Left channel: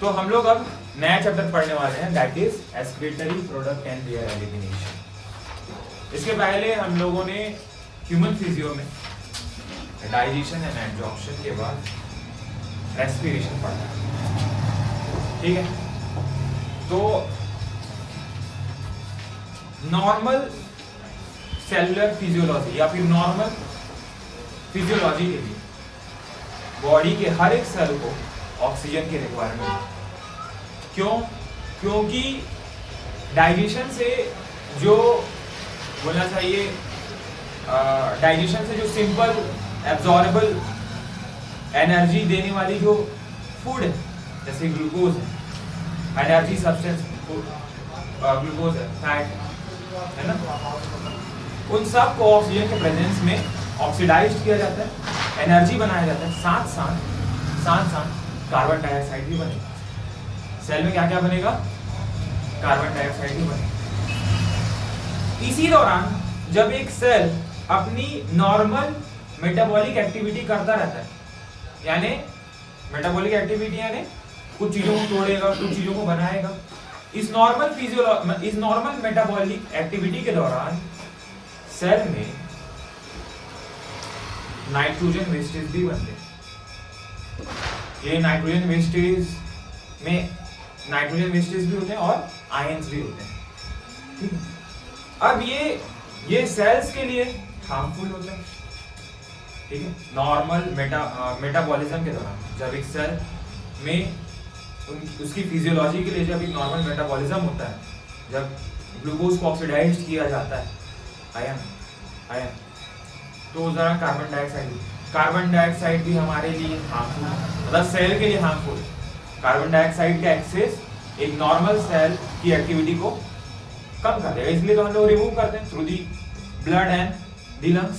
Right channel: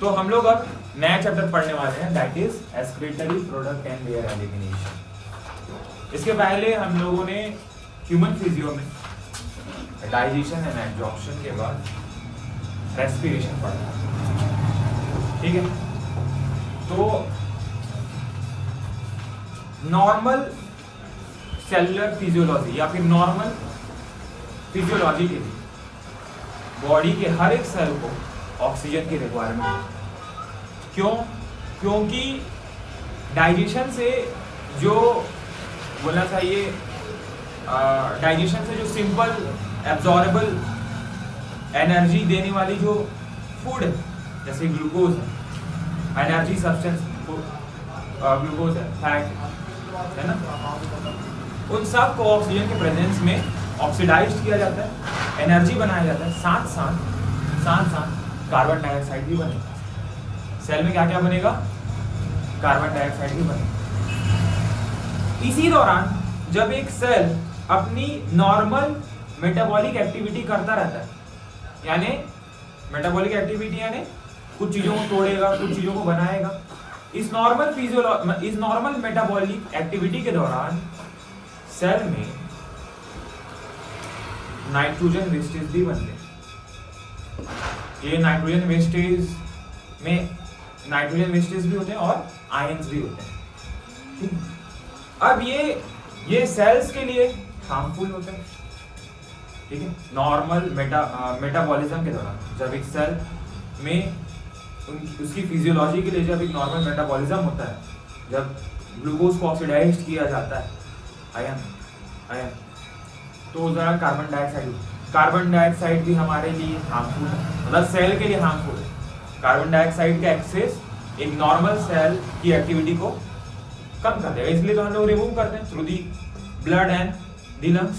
तो हम लोग अब नया चैप्टर पढ़ने वाले हैं, that is excretory product and there elimination. इसके पहले हम लोगों ने ह्यूमन फिजियो में डाइजेशन एंड एब्जॉर्प्शन के बाद रेस्पिरेशन पढ़ा है, ठीक है। तो नॉर्मल सेलुलर फिजियोलॉजी या फिर नॉर्मल फिजियोलॉजी के लिए बॉडी के हर एक सेल को ऑक्सीजन की रिक्वायरमेंट है। क्यों? क्योंकि डाइजेशन से जो बोलना चाहिए, डाइजेशन से जो सिंपल एब्जॉर्बेबल एनर्जी देने वाली जो फूड है, जैसे ग्लूकोज है, एनर्जी सब्सटेंस ग्लूकोज है, फैट है ना, उन सब को ऑक्सीजन के प्रेजेंस में ऑक्सीडाइज किया जाता है, एनर्जी बनाया जाता है, साथ साथ कार्बन डाइऑक्साइड भी बनेगा। सेल में क्या क्या बनेगा? कार्बन डाइऑक्साइड भी बनेगा। इसी दौरान जब एक सेल अपनी नॉर्मल मेटाबॉलिक एक्टिविटी करता रहता है, यानी मेटाबॉलिक एक्टिविटी यानी कुछ चीजों को तोड़ेगा, कुछ चीजों को बनाएगा, इस नॉर्मल मेटाबॉलिक एक्टिविटी के दौरान सेल में नाइट्रोजन वेस्टेज भी बनते हैं। ये नाइट्रोजन वेस्टेज में नाइट्रोजन वेस्टेज भी होते हैं और आयंस भी होते हैं, ठीक है। अब ये सेल्स के लिए हार्मफुल होते हैं, ठीक है। नॉर्मल मेटाबॉलिज्म के दौरान जब एक सेल में उसकी फिजियोलॉजी के लिए जब एक नॉर्मल मेटाबॉलिज्म होता है, जब ग्लूकोज को ऑक्सीडाइज किया जाता है, आयन, तो जरा कार्बन डाइऑक्साइड भी हमारे लिए हार्मफुल है, मतलब सेल के लिए हार्मफुल है। कार्बन डाइऑक्साइड का एक्सेस एक नॉर्मल सेल की एक्टिविटी को कम कर देगा, इसलिए तो हम लोग रिमूव करते हैं through the blood and the lungs,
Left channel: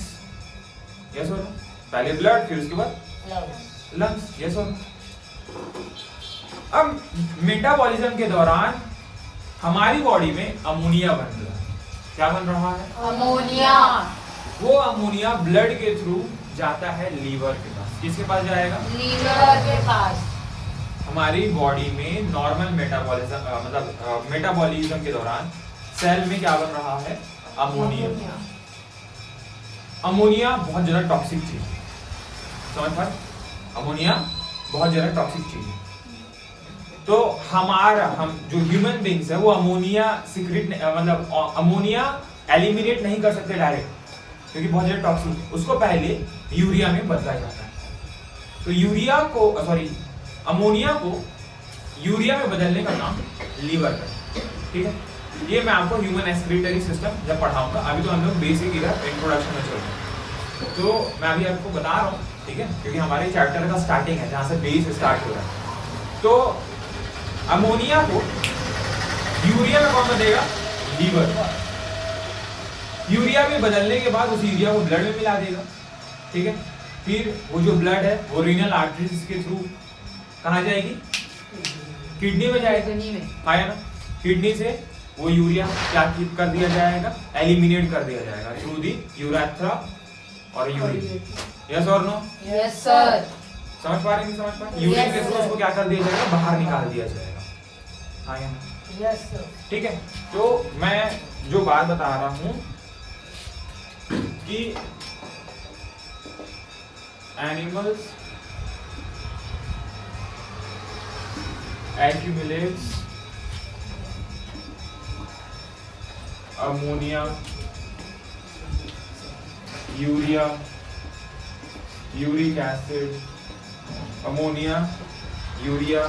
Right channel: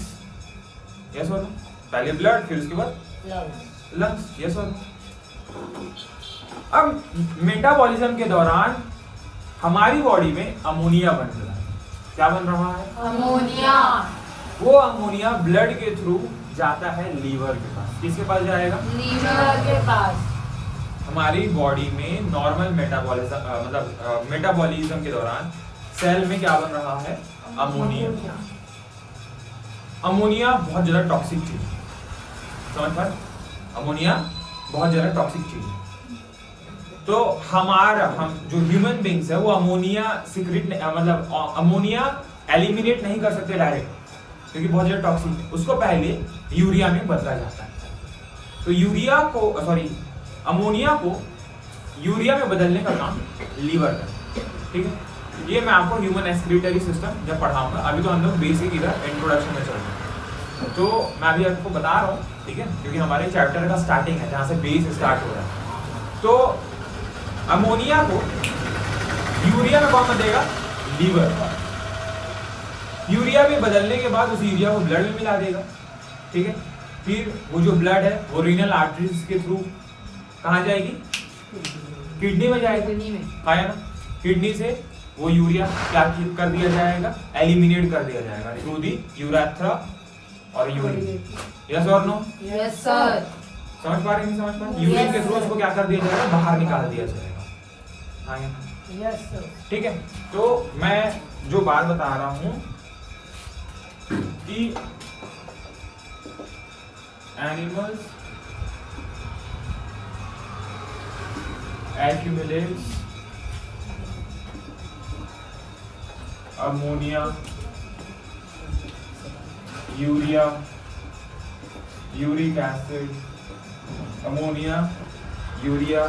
yes और नो। पहले ब्लड, फिर उसके बाद लंग्स, यस और नो। अब मेटाबॉलिज्म के दौरान हमारी बॉडी में अमोनिया बन रहा है। क्या बन रहा है? अमोनिया। वो अमोनिया ब्लड के थ्रू जाता है लीवर के पास। किसके पास जाएगा? लीवर के पास। हमारी बॉडी में नॉर्मल मेटाबॉलिज्म के दौरान सेल में क्या बन रहा है? अमोनिया। अमोनिया बहुत ज्यादा टॉक्सिक चीज है, समझ पाए? अमोनिया बहुत ज्यादा टॉक्सिक चीज है। तो हम जो ह्यूमन बींग्स है वो अमोनिया सीक्रेट मतलब अमोनिया एलिमिनेट नहीं कर सकते डायरेक्ट, क्योंकि बहुत ज्यादा टॉक्सिक है। उसको पहले यूरिया में बदला जाता है। तो अमोनिया को यूरिया में बदलने का काम लीवर करता है, ठीक है। ये मैं आपको ह्यूमन एक्सक्रीटरी सिस्टम जब पढ़ाऊंगा, अभी तो हम लोग बेसिक इधर इंट्रोडक्शन में चल रहे हैं, तो मैं अभी आपको बता रहा हूँ, ठीक है, क्योंकि हमारे चैप्टर का स्टार्टिंग है जहाँ से बेस स्टार्ट हो रहा है। तो अमोनिया को यूरिया में कौन बदलेगा? लीवर। यूरिया में बदलने के बाद उस यूरिया को ब्लड में मिला देगा, ठीक है। फिर वो जो ब्लड है वो रीनल आर्टरीज के थ्रू कहाँ जाएगी? किडनी में जाएगी, आया ना। किडनी से वो यूरिया क्या कर दिया जाएगा? एलिमिनेट कर दिया जाएगा थ्रू दी यूरेथ्रा और यूरिन, यस और नो? Yes sir. समझ पा रहे हैं? समझ पा रहे? यूरिन के थ्रू उसको क्या कर दिया जाएगा? बाहर निकाल दिया जाएगा, आया ना, यस सर। ठीक है। तो मैं जो बात बता रहा हूं कि animals accumulates ammonia, urea, uric acid, ammonia, urea,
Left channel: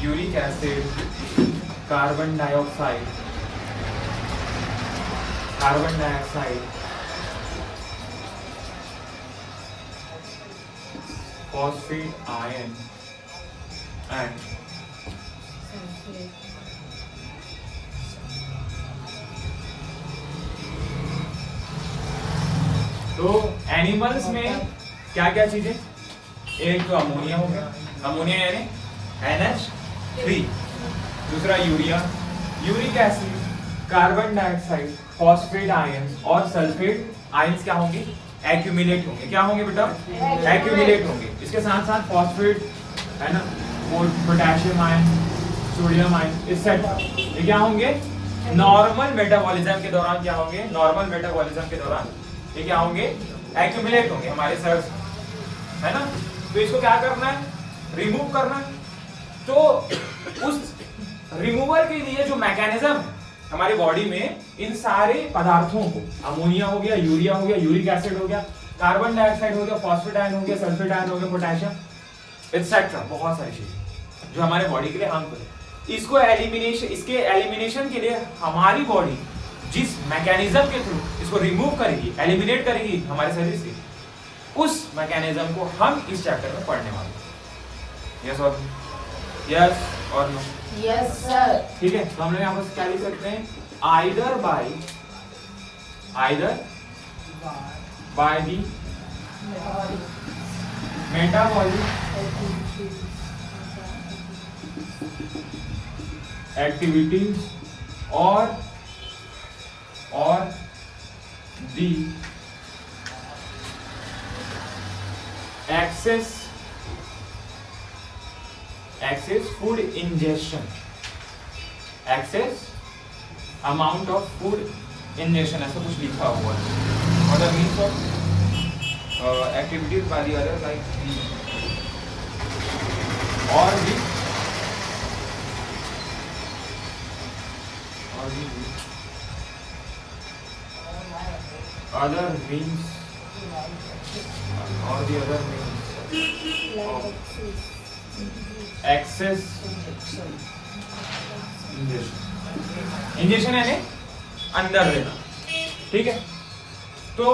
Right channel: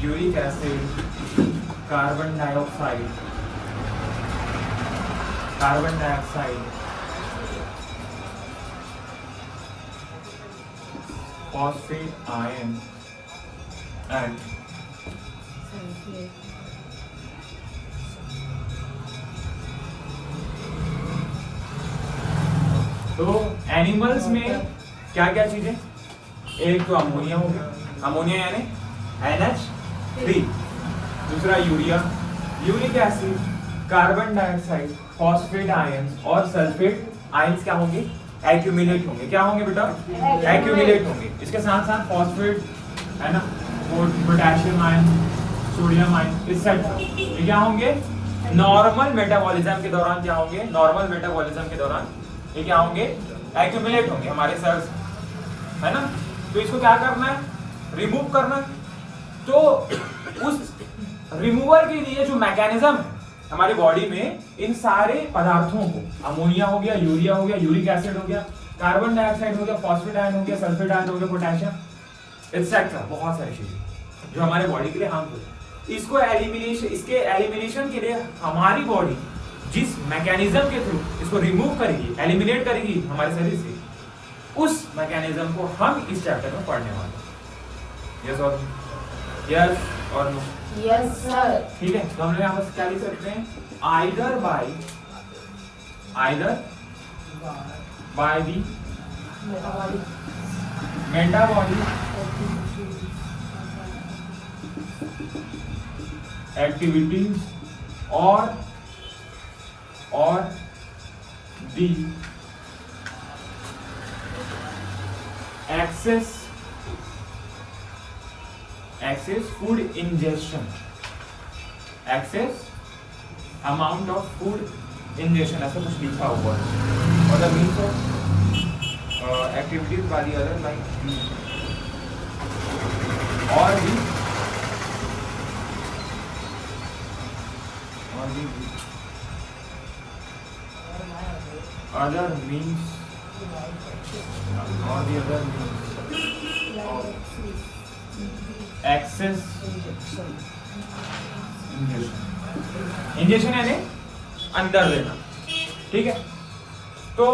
uric acid, carbon dioxide, phosphate ion and तो एनिमल्स में क्या क्या चीजें? एक तो अमोनिया हो गया, अमोनिया यानी NH3, दूसरा urea, uric acid, carbon dioxide, phosphate ion और सल्फेट आयंस क्या होंगे? एक्यूमुलेट होंगे। क्या होंगे बेटा? एक्यूमुलेट होंगे। इसके साथ साथ फॉस्फेट है ना, potassium ion, sodium ion etcetera, ये क्या होंगे नॉर्मल मेटाबॉलिज्म के दौरान, क्या होंगे नॉर्मल मेटाबॉलिज्म के दौरान ये क्या होंगे एक्यूमुलेट होंगे हमारे सेल्स, है ना। तो इसको क्या करना है, रिमूव करना है। तो उस रिमूवल के लिए जो मैकेनिज्म हमारी बॉडी में इन सारे पदार्थों को, अमोनिया हो गया, यूरिया हो गया, यूरिक एसिड हो गया, कार्बन डाइऑक्साइड हो गया, फॉस्फेट आयन हो गया, सल्फेट आयन हो गया, पोटेशियम एक्सेट्रा, बहुत सारी चीजें जो हमारे बॉडी के लिए हार्मफुल है। इसको एलिमिनेशन, इसके एलिमिनेशन के लिए हमारी बॉडी जिस मैकेनिज्म के थ्रू इसको रिमूव करेगी, एलिमिनेट करेगी हमारे शरीर से, उस मैकेनिज्म को हम इस चैप्टर में पढ़ने वाले हैं। यस और यस और नो? Yes sir. ठीक है, तो हम लोग यहाँ पर क्या लिख सकते हैं, either by the metabolic activities और the excess food ingestion, excess amount of food ingestion, ऐसा कुछ लिखा हुआ है। और the means of activities by the other like और the other means or the other means access injection यानी अंदर लेना, ठीक है। तो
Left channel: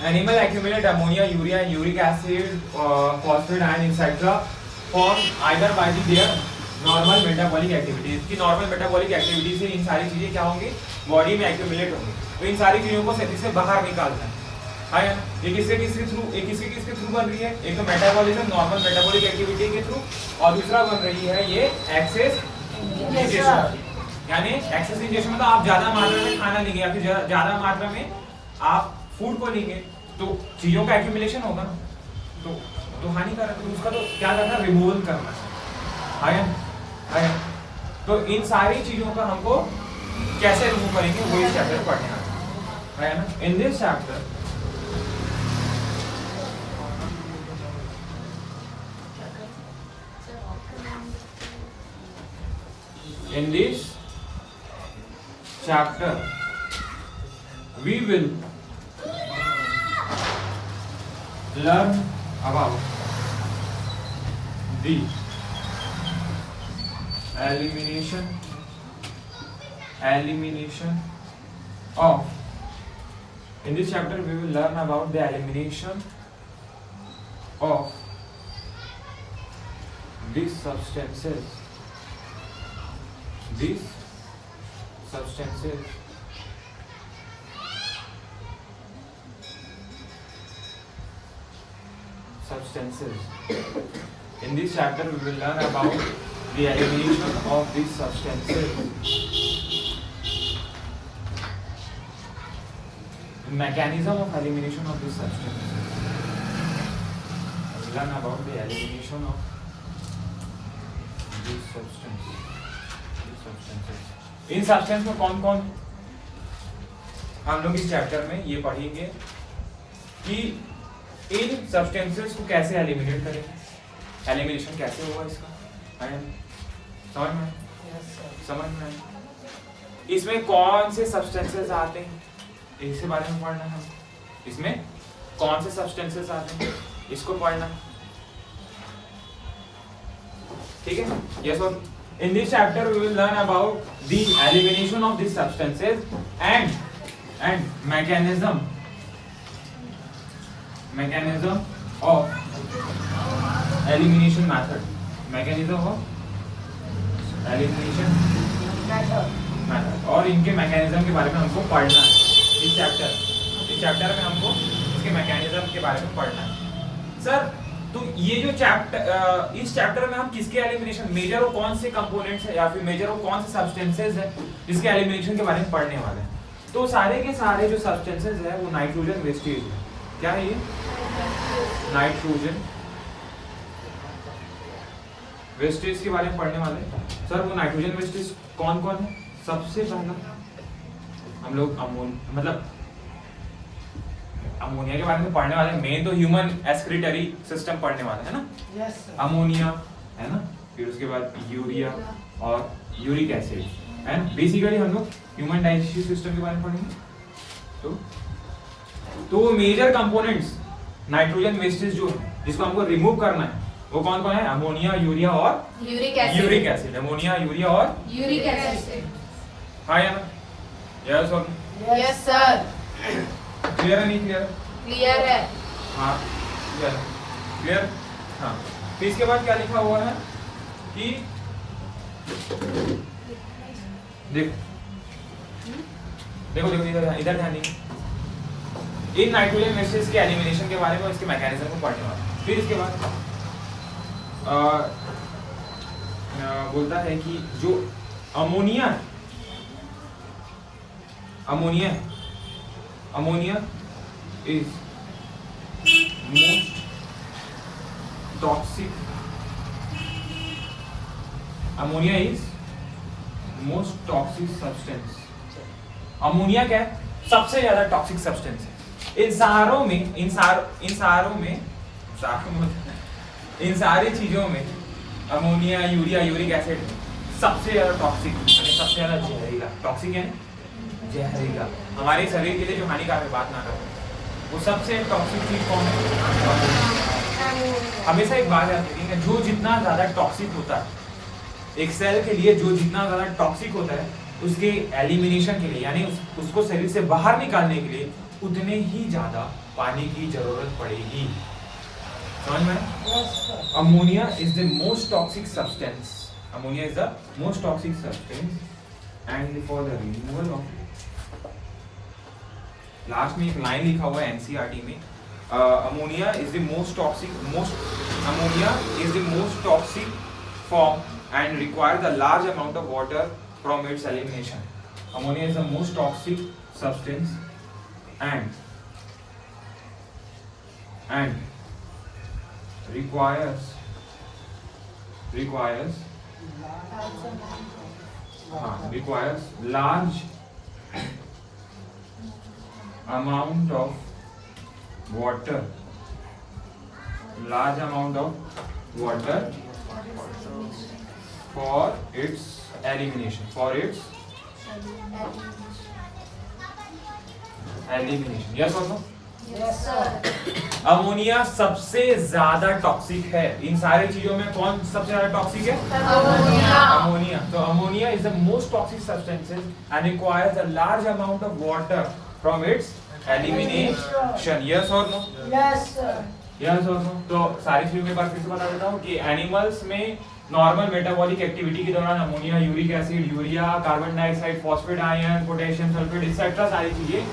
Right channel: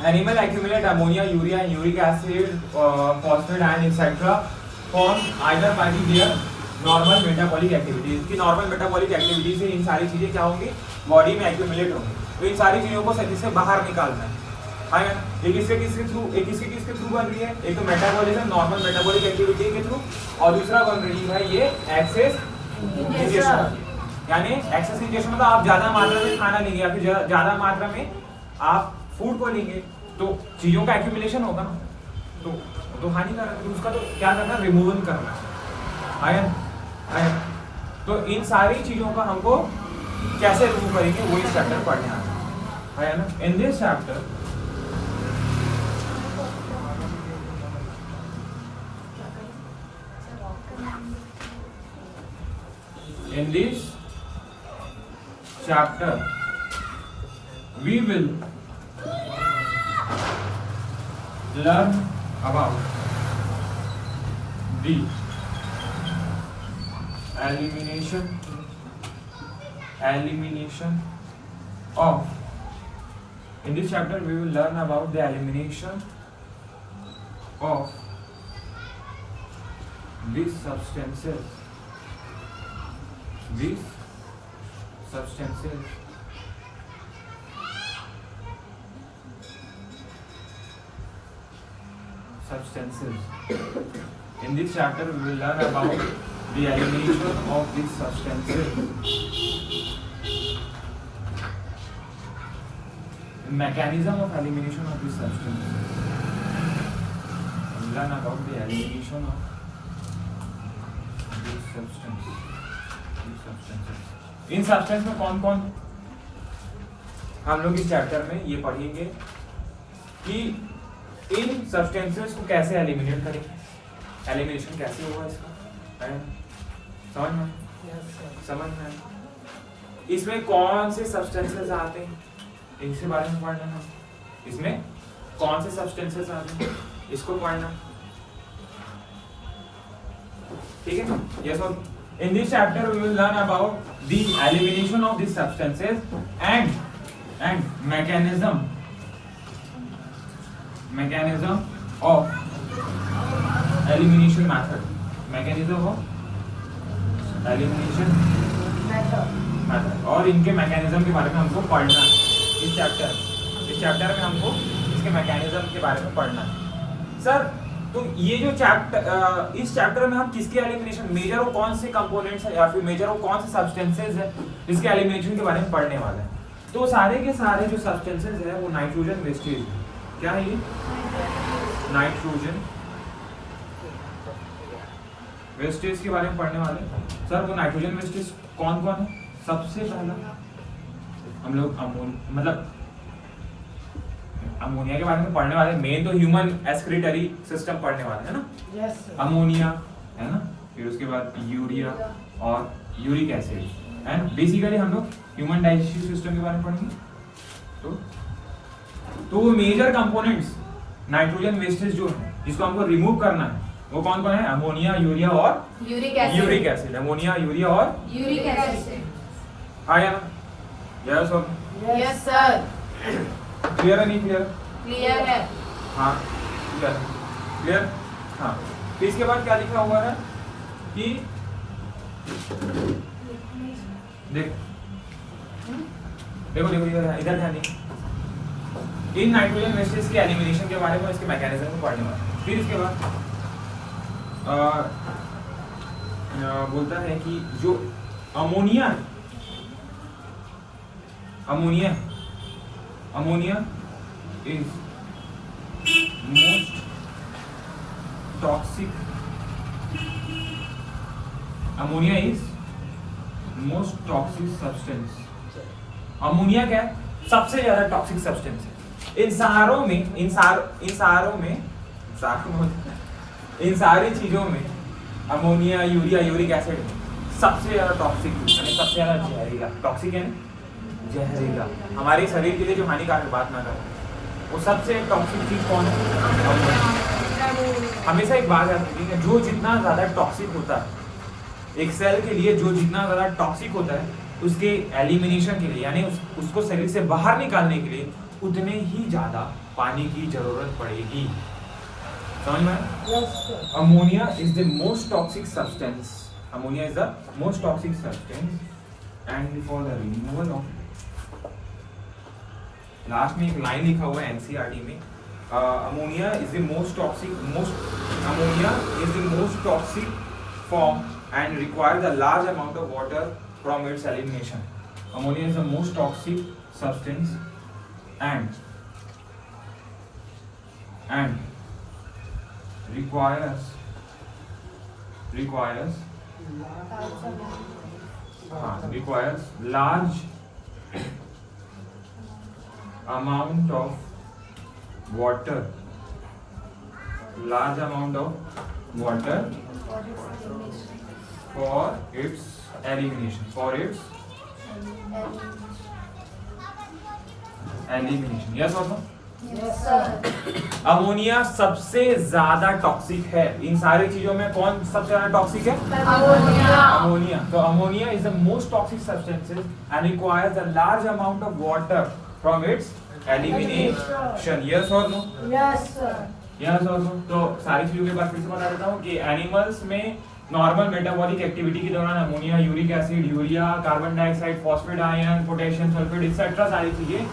animal accumulate ammonia, urea, uric acid, phosphate ion etcetera form either by their normal metabolic activities की normal metabolic activity से इन सारी चीजें क्या होंगी बॉडी में एक्यूमुलेट होंगी। तो इन सारी चीजों को शरीर से बाहर निकालना है। ये किसके थ्रू बन रही है, एक तो मेटाबॉलिज्म नॉर्मल मेटाबॉलिक एक्टिविटी के थ्रू, और दूसरा बन रही है ये एक्सेस इंजेक्शन। यानी एक्सेस इंजेक्शन मतलब आप ज्यादा मात्रा में खाना लेंगे या फिर ज्यादा मात्रा में आप फूड को लेंगे तो चीजों का एक्यूमुलेशन होगा ना, तो हानिकारक, तो उसका तो क्या करना, रिमूवल करना है। तो इन सारी चीजों का हमको कैसे रिमूव करेंगे वो इस चैप्टर में पढ़ने आ है ना। In this chapter we will learn about the elimination of, in this chapter we will learn about the elimination of these substances in this chapter we will learn about the elimination of these substances, mechanism of elimination of these substances. We will learn about the elimination of these substances. In substance में कौन कौन हम लोग इस chapter में ये पढ़ेंगे कि इन सब्सटेंसेस को कैसे एलिमिनेट करेंगे, एलिमिनेशन कैसे होगा इसका, समझ में इसमें कौन से सब्सटेंसेस आते हैं इसके बारे में पढ़ना है। इसमें कौन से सब्सटेंसेस आते हैं इसको पढ़ना, ठीक है। यस और in this chapter we will learn about the elimination of these substances and mechanism of elimination method, और इनके मैकेनिज्म के बारे में हमको पढ़ना है इस चैप्टर में हमको इसके मैकेनिज्म के बारे में पढ़ना है। सर तो ये जो चैप्टर, इस चैप्टर में हम किसके एलिमिनेशन, मेजर और कौन से कंपोनेंट्स है या फिर मेजर और कौन से सब्सटेंसेस है जिसके एलिमिनेशन के बारे में पढ़ने वाले हैं। तो सारे के सारे जो सब्सटेंसेस है वो नाइट्रोजन वेस्टेज है। क्या है ये, नाइट्रोजन वेस्टेज के बारे में पढ़ने वाले हैं। सर वो नाइट्रोजन वेस्टेज कौन कौन है? सबसे पहला हम लोग अमोनिया के बारे में पढ़ने वाले। मेन तो ह्यूमन एक्सक्रीटरी सिस्टम पढ़ने वाले हैं ना। अमोनिया है ना, फिर उसके बाद यूरिया और यूरिक एसिड है ना। बेसिकली हम लोग ह्यूमन डाइजेस्टिव सिस्टम के बारे में पढ़ेंगे। तो वो मेजर कंपोनेंट्स नाइट्रोजन वेस्टेज जो है जिसको हमको रिमूव करना है वो कौन कौन है? अमोनिया, यूरिया और यूरिक एसिड। अमोनिया, यूरिया और यूरिक एसिड। हाँ या ना? यस और यस सर। क्लियर है नहीं क्लियर? क्लियर है। हाँ क्लियर। हाँ फिर इसके बाद क्या लिखा हुआ है कि देखो इधर ध्यान दीजिए। इन नाइट्रोजन वेस्टेज के एलिमिनेशन के बारे में, इसके मैकेनिज्म को पढ़ने वाला। फिर इसके बाद बोलता है कि जो ammonia is most toxic. Ammonia is most toxic substance. Ammonia क्या है? सबसे ज्यादा टॉक्सिक सब्सटेंस है। इन सारी चीजों में अमोनिया, यूरिया, यूरिक एसिड सबसे ज्यादा टॉक्सिक यानी सबसे ज्यादा जहरीला। टॉक्सिक है ना, जहरीला। हमारे शरीर के लिए जो हानिकारक, बात ना करो, वो सबसे टॉक्सिक चीज कौन है? हमेशा एक बात याद रखिएगा, जो जितना ज्यादा टॉक्सिक होता है एक सेल के लिए, जो जितना ज्यादा टॉक्सिक होता है उसके एलिमिनेशन के लिए यानी उसको शरीर से बाहर निकालने के लिए उतने ही ज्यादा पानी की जरूरत पड़ेगी। समझ में? Ammonia is the most toxic substance. Ammonia is the most toxic substance and for the removal of, last में एक लाइन लिखा हुआ है एनसीईआरटी में, ammonia is the most toxic form and requires a large amount of water from its elimination. Ammonia is the most toxic substance and requires large amount of water for its elimination. Yes or no? Yes sir. Ammonia सबसे ज्यादा toxic है। इन सारी चीजों में कौन सबसे ज्यादा toxic है? अमोनिया। तो ammonia is the most toxic substances and requires a large amount of water from its elimination. Yes और नो? Yes sir. यस और नो? तो सारी चीजों के बारे में फिर से बता देता हूँ कि एनिमल्स में नॉर्मल मेटाबॉलिक एक्टिविटी के दौरान ammonia, uric acid, urea, carbon dioxide, phosphate ion, potassium sulphate etcetera सारी चीजें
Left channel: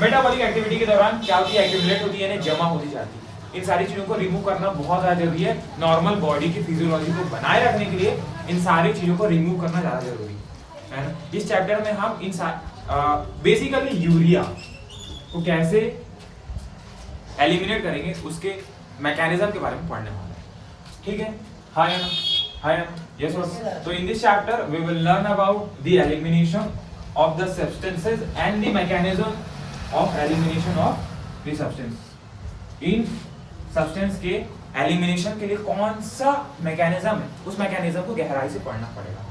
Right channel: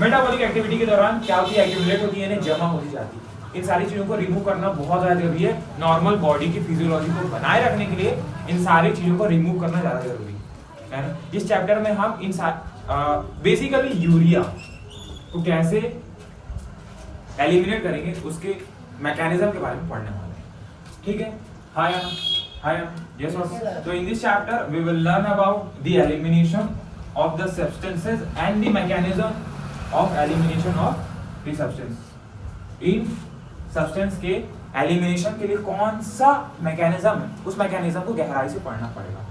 मेटाबॉलिक एक्टिविटी के दौरान क्या होती है? एक्यूमुलेट होती है, जमा होती जाती है। इन सारी चीजों को रिमूव करना बहुत ज्यादा जरूरी है। नॉर्मल बॉडी की फिजियोलॉजी को बनाए रखने के लिए इन सारी चीजों को रिमूव करना ज्यादा जरूरी है ना। इस चैप्टर में हम बेसिकली यूरिया को कैसे एलिमिनेट करेंगे उसके मैकेनिज्म के बारे में पढ़ने वाले हैं। ठीक है? हाँ या yes or no? So in this chapter we will learn about the elimination of the substances and the mechanism of elimination of the substance. In substance के elimination के लिए कौन सा mechanism है, उस mechanism को गहराई से पढ़ना पड़ेगा।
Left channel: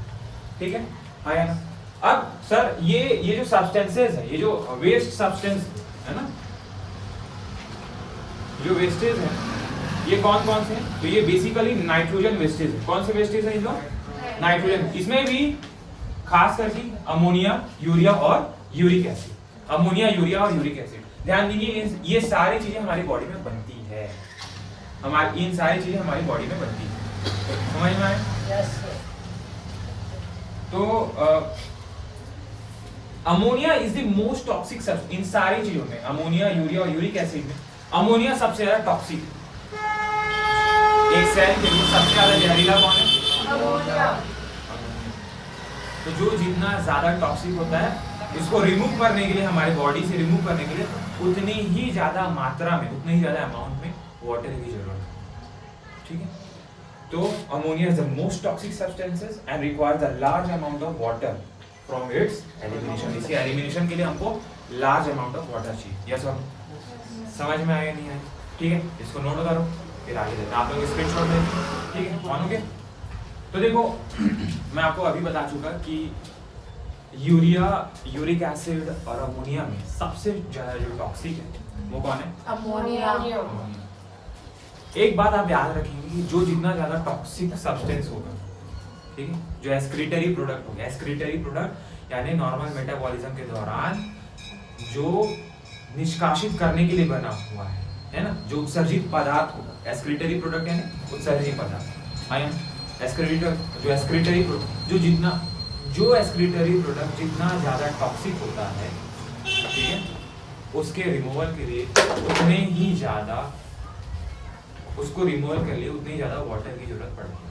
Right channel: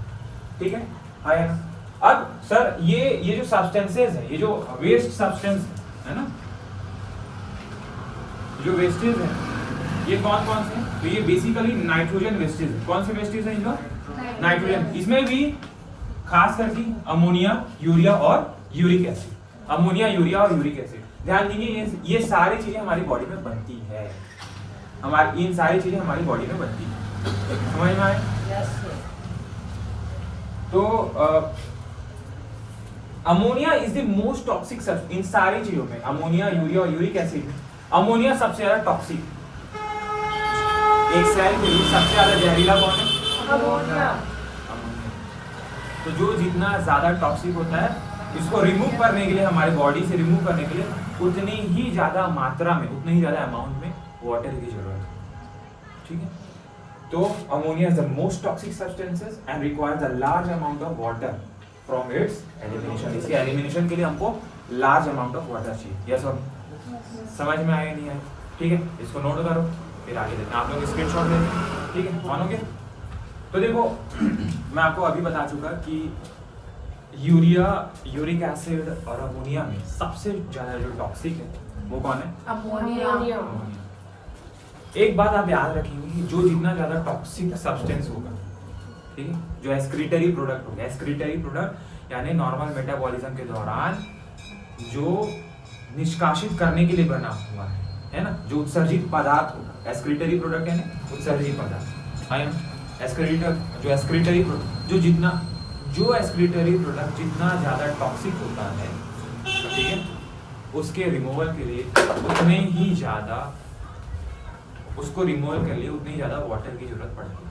ठीक है? हाँ या ना? अब सर ये जो substances है, ये जो waste substance है ना, जो wastage है ये कौन कौन से हैं? तो ये बेसिकली नाइट्रोजन वेस्टेज है। कौन से वेस्टेज है? नाइट्रोजन। इसमें भी खास करके अमोनिया, यूरिया और यूरिक एसिड। अमोनिया, यूरिया और यूरिक एसिड। ध्यान दीजिए, ये सारी चीजें हमारी बॉडी में बनती है। इन सारी चीजें हमारी बॉडी में बनती है। समझ में आए? तो ammonia is the most toxic substance. इन सारी चीजों में अमोनिया, यूरिया और यूरिक एसिड में अमोनिया सबसे ज्यादा टॉक्सिक। एक सेल के लिए सबसे ज्यादा जहरीला कौन है? अमोनिया। तो जो जितना ज्यादा टॉक्सिक होता है इसको रिमूव करने के लिए, हमारे बॉडी से रिमूव करने के लिए उतनी ही ज्यादा मात्रा में, उतने ही ज्यादा अमाउंट में वाटर की जरूरत है। ठीक है? तो ammonia is the most toxic substances and requires a large amount of water from its elimination. इसके एलिमिनेशन के लिए हमको लार्ज अमाउंट ऑफ वाटर चाहिए। यस और समझ में आया नहीं आया? ठीक है, इसको नोट करो, फिर आगे देते हैं। आप लोग स्क्रीनशॉट लेते, ठीक है, मानोगे? तो देखो मैं आपको अभी बता चुका कि यूरिया, यूरिक एसिड और अमोनिया में सबसे ज्यादा जो टॉक्सिक है वो कौन है? अमोनिया। अमोनिया। एक बात आप याद रखेंगे कि जो जितना ज्यादा टॉक्सिक सब्सटेंस होगा, ठीक है, जो एक्सक्रीटरी प्रोडक्ट होगा, एक्सक्रीटरी प्रोडक्ट यानी नॉर्मल मेटाबॉलिज्म के दौरान जो निष्कासित करने के लिए बना हुआ है ना, जो उत्सर्जित पदार्थ होगा, एक्सक्रीटरी प्रोडक्ट यानी उत्सर्जित पदार्थ। आई एम एक्सक्रीटर, जो एक्सक्रीटरी प्रोडक्ट जो एक्सक्रीटरी प्रोडक्ट जितना ज्यादा टॉक्सिक होता है, ठीक है, उसके रिमूवल के लिए उतने ही ज्यादा, उसको रिमूवल के लिए उतनी ही ज्यादा वाटर की जरूरत पड़ती है।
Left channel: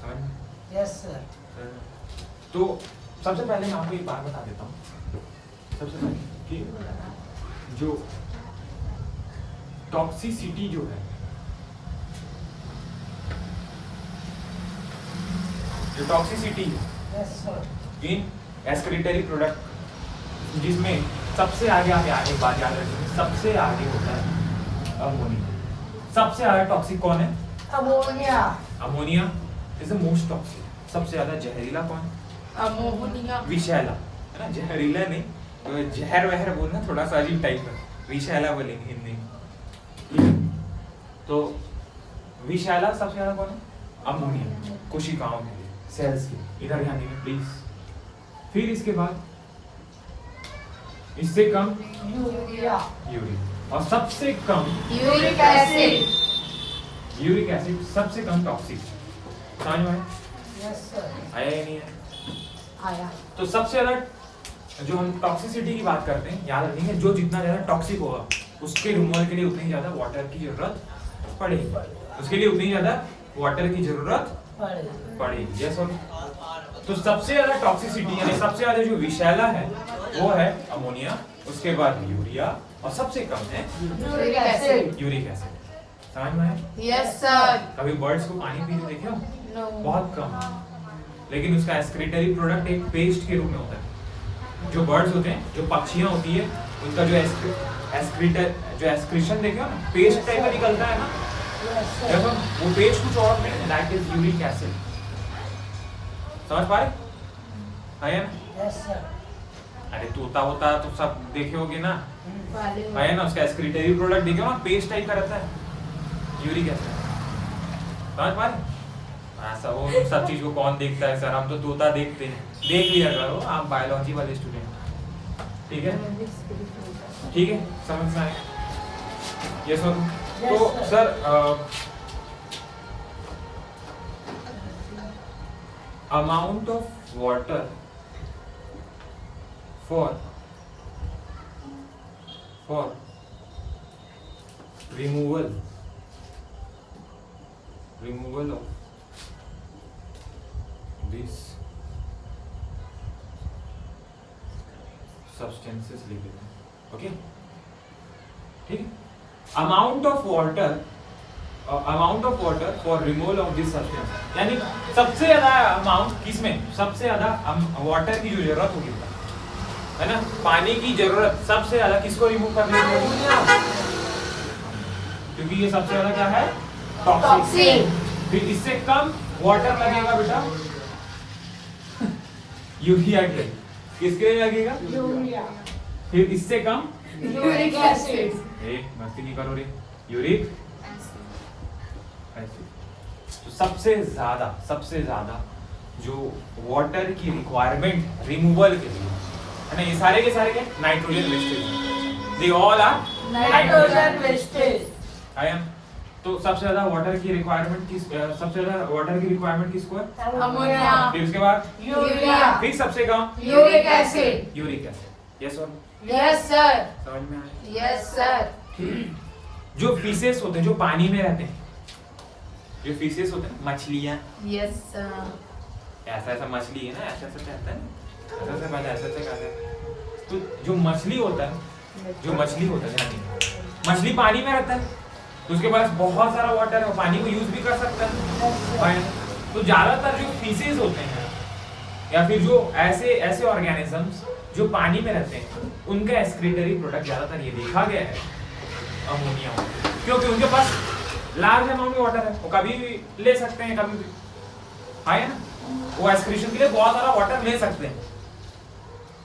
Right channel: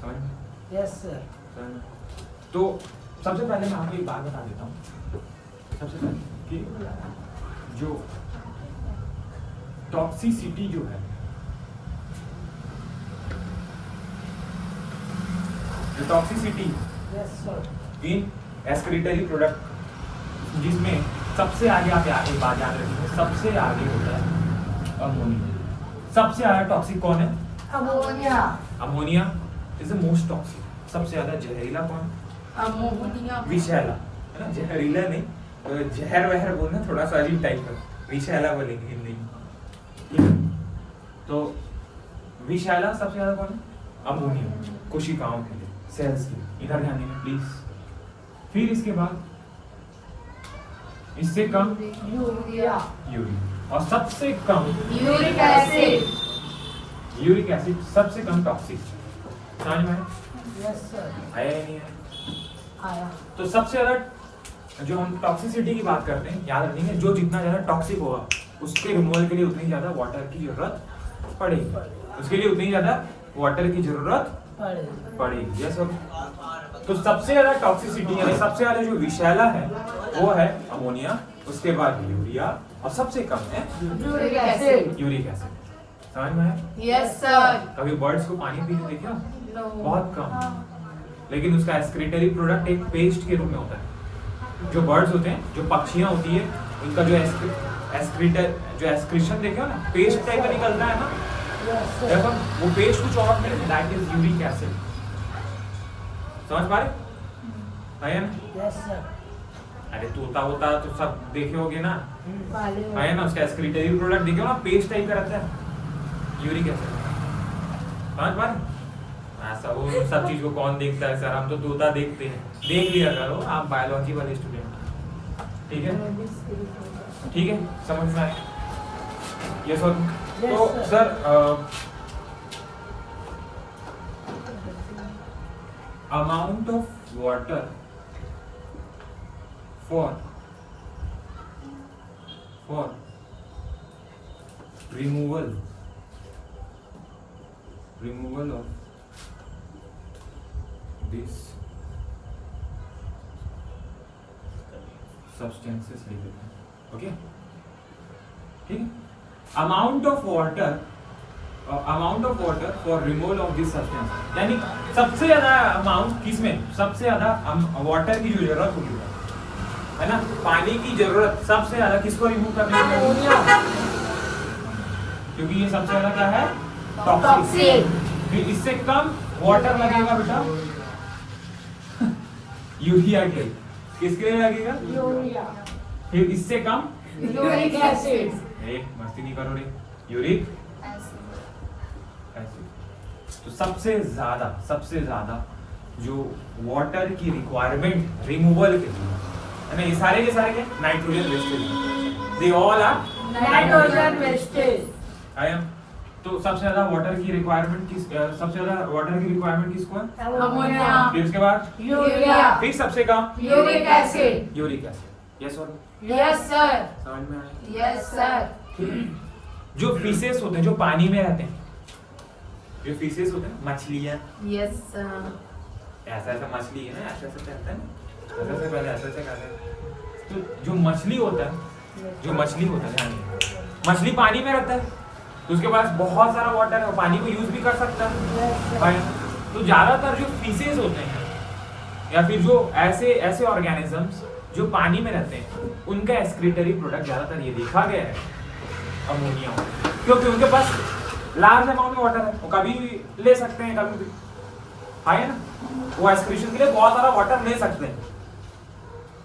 समझ में? Yes sir. तो सबसे पहले मैं आपको एक बात बता देता हूँ, सबसे पहले कि जो टॉक्सिसिटी जो है, जो टॉक्सिसिटी इन एक्सक्रीटरी प्रोडक्ट, जिसमें सबसे आगे आप एक बात याद रखेंगे, सबसे आगे होता है अमोनिया। सबसे ज्यादा टॉक्सिक कौन है? Ammonia. Ammonia is the most toxic. सबसे ज्यादा जहरीला कौन है? अमोनिया। विषैला, है ना, जहरीला नहीं, तो जहर वहर बोलना थोड़ा सा अजीब टाइप का, विषैला बोलेंगे हिंदी में। तो विषैला सबसे ज्यादा कौन है? अमोनिया, कोशिकाओं के लिए, सेल्स के लिए। इधर ध्यान दीजिए प्लीज। फिर इसके बाद इससे कम यूरिया। यूरिया, और सबसे कम यूरिक एसिड। यूरिक एसिड सबसे कम टॉक्सिक। समझ में आया? Yes sir. आया या नहीं आया? आया। तो सबसे ज्यादा जो हम टॉक्सिसिटी की बात करते हैं, याद रखेंगे जो जितना ज्यादा टॉक्सिक होगा उसके रिमूवल के लिए उतनी ज्यादा वाटर की जरूरत पड़ेगी, उसके लिए उतनी ज्यादा वाटर की जरूरत पड़ेगी। यस और तो सबसे ज्यादा टॉक्सिसिटी यानी सबसे ज्यादा जो विषैला है वो है अमोनिया, उसके बाद यूरिया, और सबसे कम है यूरिक एसिड। Uric acid. समझ में आया? Yes sir. कभी बर्ड्स को पानी पीते देखे हो? नो। बहुत कम, लेकिन उसका एक्सक्रीटरी प्रोडक्ट एक पेस्ट के रूप में होता है। जो बर्ड्स होते हैं, जो पक्षियां होती है, उनका जो एक्सक्रीशन देखे हो ना, पेस्ट टाइप का निकलता है ना, देखो वो पेस्ट कुछ और नहीं, दैट इज यूरिक एसिड। समझ पा रहे है ना? Yes sir. अरे तोता होता तो सब देखे होगे ना, मालूम। है ना, उसका एक्सक्रीटरी प्रोडक्ट देखे हो ना, पेस्ट टाइप का रहता है, यूरिक एसिड। समझ पा रहे? ऐसा वो सब चीज को कौन देखता है सर, हम तो तोता देखते हैं। देख लिया करो आप बायोलॉजी वाले स्टूडेंट, ठीक है? ठीक है, समझ में आए? यस और तो sir amount of water for removal of these substances लिख देते हैं, ओके? ठीक है, amount of water for removal of this substance, यानी सबसे ज्यादा अमाउंट किसमें, सबसे ज्यादा वाटर की जो जरूरत होगी, है ना, पानी की जरूरत सबसे ज्यादा किसको रिमूव करने के लिए? क्योंकि ये सबसे ज्यादा क्या है? टॉक्सिक। फिर इससे कम वाटर लगेगा बेटा यूरिया के, किसके लिए लगेगा? यूरिया। फिर इससे कम यूरिक एसिड। मस्ती नहीं करो रे, यूरिक एसिड। तो सबसे ज्यादा जो वाटर की रिक्वायरमेंट रिमूवल के लिए, है ना, ये सारे के सारे क्या? Nitrogen wastage, they all are nitrogen wastage. I am. तो सबसे ज्यादा वाटर की रिक्वायरमेंट किसको है? अमोनिया। फिर उसके बाद यूरिया। फिर सबसे कम uric acid. Uric acid. Yes और यस सर। समझ में आया? Yes sir. जो फिशेस होते हैं, जो पानी में रहते हैं, जो फिशेस होते हैं, मछलियां, यस सर। ऐसा मछली है ना, ऐसा कहता है, ऐसा पहले ऐसा कहता है। तो जो मछली होता है ध्यान दीजिए, मछली पानी में रहता है, तो उसके पास बहुत सारा वाटर है, वो पानी को यूज भी कर सकता है ना? तो ज्यादातर जो फीसेज होते हैं या फिर जो ऐसे ऑर्गेनिजम्स जो पानी में रहते हैं, उनका एक्सक्रीटरी प्रोडक्ट ज्यादातर ये देखा गया है अमोनिया, क्योंकि उनके पास लार्ज अमाउंट में वाटर है, वो कभी भी ले सकते हैं, कभी भी है ना, वो एक्सक्रीशन के लिए बहुत सारा वाटर ले सकते हैं,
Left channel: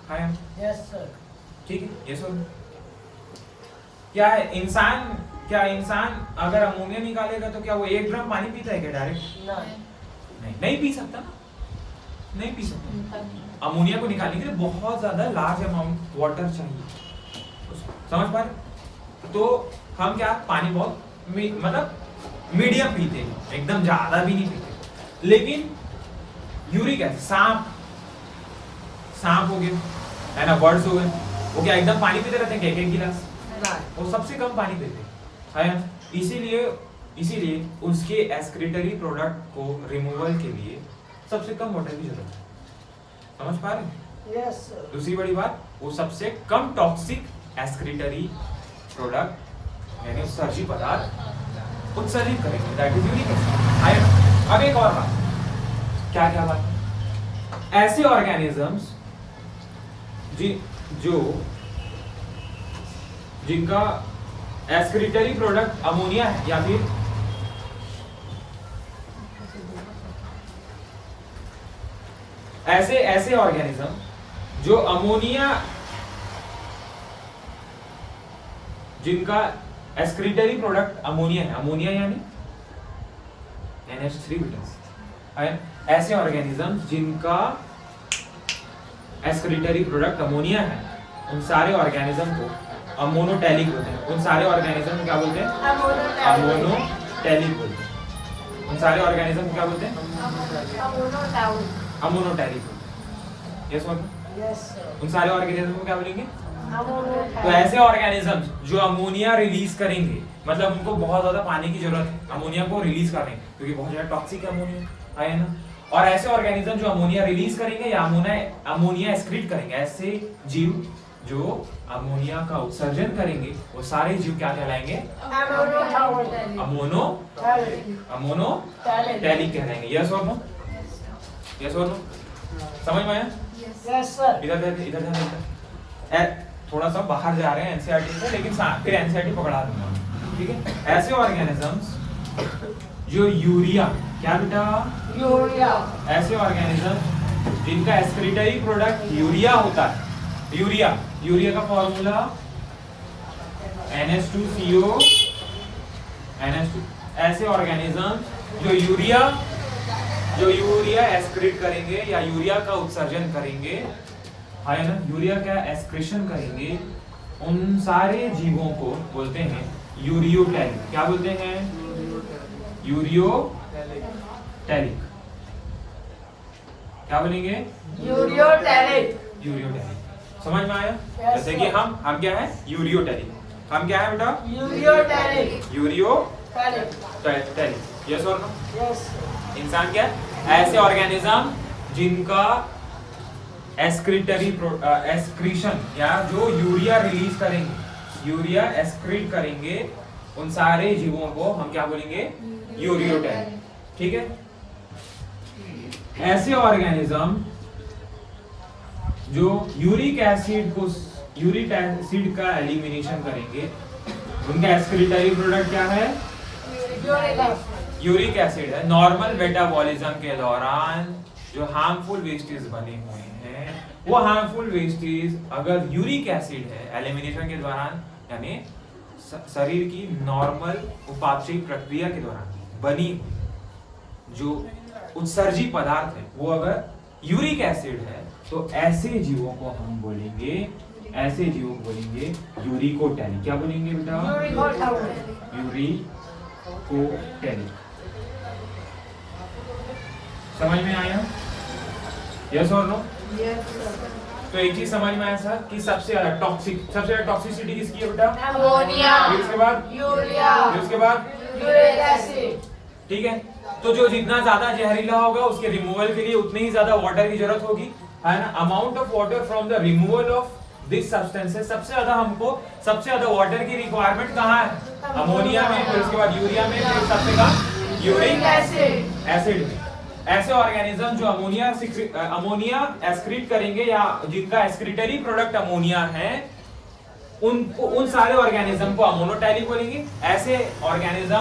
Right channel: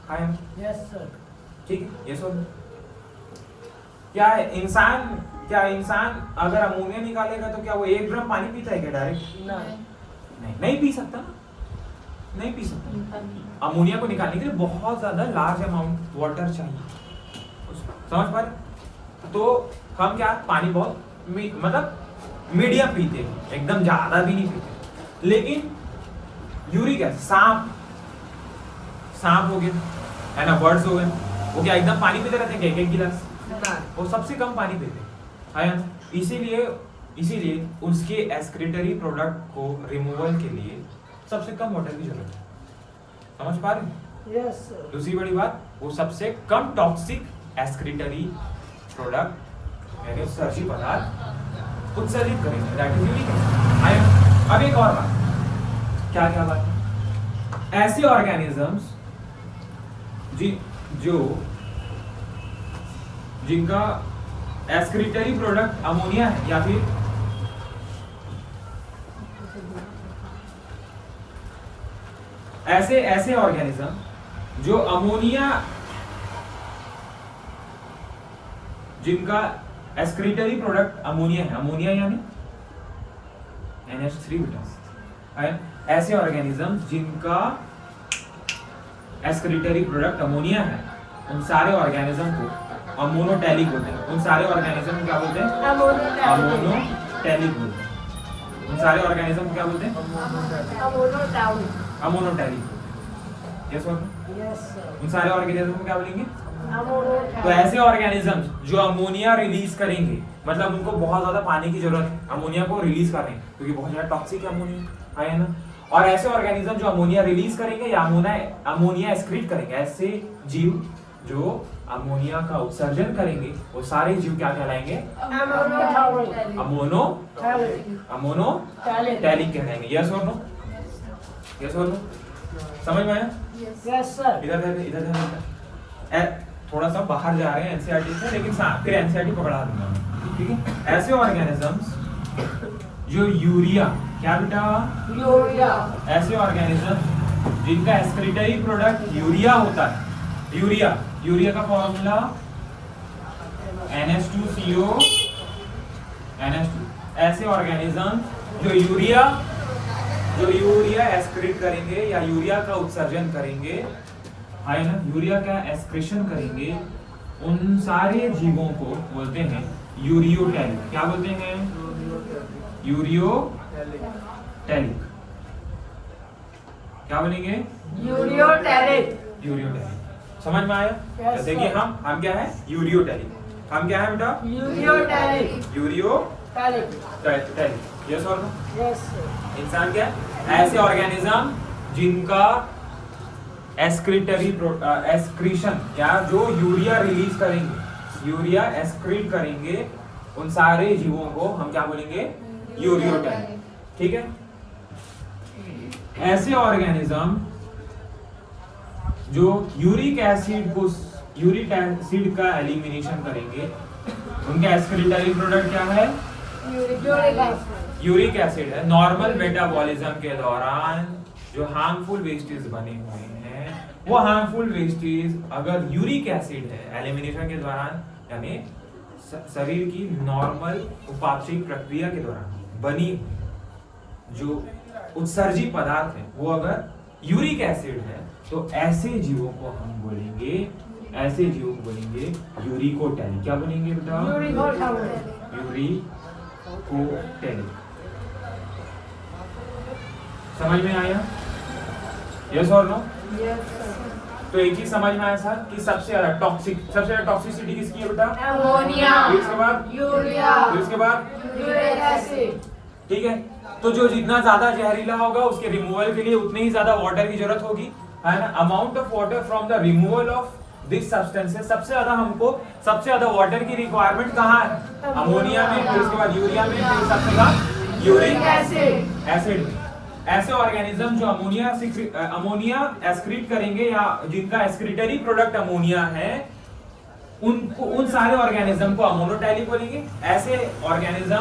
है ना? Yes sir. ठीक है, ये सुन। क्या इंसान अगर अमोनिया निकालेगा तो क्या वो 1 ड्रम पानी पीता है क्या डायरेक्ट? नहीं पी सकता ना, नहीं पी सकता। अमोनिया को निकालने के लिए बहुत ज्यादा लार्ज अमाउंट वाटर चाहिए, समझ पा रहे? तो हम क्या पानी बहुत मतलब मीडियम पीते हैं, एकदम ज्यादा भी नहीं पीते। लेकिन यूरिक एसिड, सांप हो गए है ना, बर्ड्स हो गए, वो क्या एकदम पानी पीते रहते हैं क्या 1-1 गिलास? वो सबसे कम पानी पीते हैं, है ना? इसीलिए उसके एक्सक्रीटरी प्रोडक्ट को रिमूवल के लिए सबसे कम वाटर की जरूरत है, समझ पा रहे हैं? Yes sir. दूसरी बड़ी बात, वो सबसे कम टॉक्सिक एक्सक्रीटरी प्रोडक्ट यानी उत्सर्जी पदार्थ उत्सर्जित करेंगे, दैट इज यूरिक एसिड। अब एक और बात, क्या बात है? ऐसे ऑर्गेनिजम्स जिनका एक्सक्रीटरी प्रोडक्ट अमोनिया है या फिर ऐसे ऑर्गेनिज्म जो अमोनिया, जिनका एक्सक्रीटरी प्रोडक्ट अमोनिया है, अमोनिया यानी NH3 बेटा, ऐसे ऑर्गेनिज्म जिनका एक्सक्रीटरी प्रोडक्ट अमोनिया है, उन सारे ऑर्गेनिज्म को अमोनोटैलिक बोलते हैं। उन सारे ऑर्गेनिज्म को क्या बोलते हैं? अमोनोटैलिक बोलते हैं। उन सारे ऑर्गेनिज्म को क्या बोलते हैं? अमोनोटैलिक। यस बोलो। Yes sir. उन सारे ऑर्गेनिज्म को क्या बोलेंगे? तो ऐसे ऑर्गेनिज्म जो अमोनिया रिलीज करेंगे, मतलब उनको बहुत ज्यादा पानी की जरूरत है अमोनिया को रिलीज करने, क्योंकि बहुत ज्यादा टॉक्सिक है अमोनिया, है ना? और ऐसे ऑर्गेनिज्म जो अमोनिया रिलीज करेंगे या अमोनिया एक्सक्रीट करेंगे, ऐसे जीव जो अमोनिया का उत्सर्जन करेंगे, वो सारे जीव क्या कहलाएंगे? अमोनोटैलिक कहलाएंगे। यस और नो? यस और नो? समझ में आया? Yes sir. इधर थोड़ा सा बाहर जा रहे हैं एनसीईआरटी से, लेकिन फिर एनसीईआरटी पकड़ा दूंगा, ठीक है? ऐसे ऑर्गेनिजम्स जो यूरिया, क्या बेटा? यूरिया। ऐसे ऑर्गेनिज्म जिनका एक्सक्रीटरी प्रोडक्ट यूरिया होता है, यूरिया का फॉर्मूला NH2CO NH2। ऐसे ऑर्गेनिज्म जो यूरिया एक्सक्रीट करेंगे या यूरिया का उत्सर्जन करेंगे, है ना, यूरिया का एक्सक्रीशन करेंगे, उन सारे जीवों को बोलते हैं यूरियोटैलिक। क्या बोलते हैं? यूरियोटैलिक। क्या बोलेंगे? यूरियोटैलिक। समझ में आया? जैसे कि हम क्या है? यूरियोटैलिक। हम क्या है बेटा? यूरियोटैलिक। यस और नो? Yes sir. इंसान क्या है? ऐसे ऑर्गेनिज्म जिनका एक्सक्रीशन या जो यूरिया रिलीज करेंगे, यूरिया एक्सक्रीट करेंगे, उन सारे जीवों को हम क्या बोलेंगे? यूरियोटैलिक। ठीक है? ऐसे ऑर्गेनिज्म जो यूरिक एसिड का एलिमिनेशन करेंगे, उनका एक्सक्रीटरी प्रोडक्ट क्या है? यूरिक एसिड है। नॉर्मल मेटाबॉलिज्म के दौरान जो हार्मफुल वेस्टेज बने हुए हैं, वो हार्मफुल वेस्टेज अगर यूरिक एसिड है एलिमिनेशन के दौरान, यानी शरीर की नॉर्मल उपापचयी प्रक्रिया के दौरान बनी जो उत्सर्जी पदार्थ है, वो अगर यूरिक एसिड है, तो ऐसे जीवों को हम बोलेंगे यूरिकोटैलिक। क्या बोलेंगे बेटा? यूरिकोटैलिक। समझ में आया? यस और नो? तो एक चीज समझ में आया सर कि सबसे ज्यादा टॉक्सिसिटी किसकी है बेटा? अमोनिया। फिर इसके बाद? यूरिया। फिर इसके बाद? Uric acid. ठीक है, तो जो जितना ज्यादा जहरीला होगा उसके रिमूवल के लिए उतनी ही ज्यादा वाटर की जरूरत होगी, है ना? Amount of water from the removal of this substances सबसे ज्यादा वाटर की रिक्वायरमेंट कहाँ है? अमोनिया में, फिर उसके बाद यूरिया में, फिर सबसे कम यूरिक एसिड में। ऐसे ऑर्गेनिज्म जो अमोनिया एक्सक्रीट करेंगे या जिनका एक्सक्रीटरी प्रोडक्ट अमोनिया है, उन सारे ऑर्गेनिज्म को अमोनोटैलिक बोलेंगे। ऐसे ऑर्गेनिज्म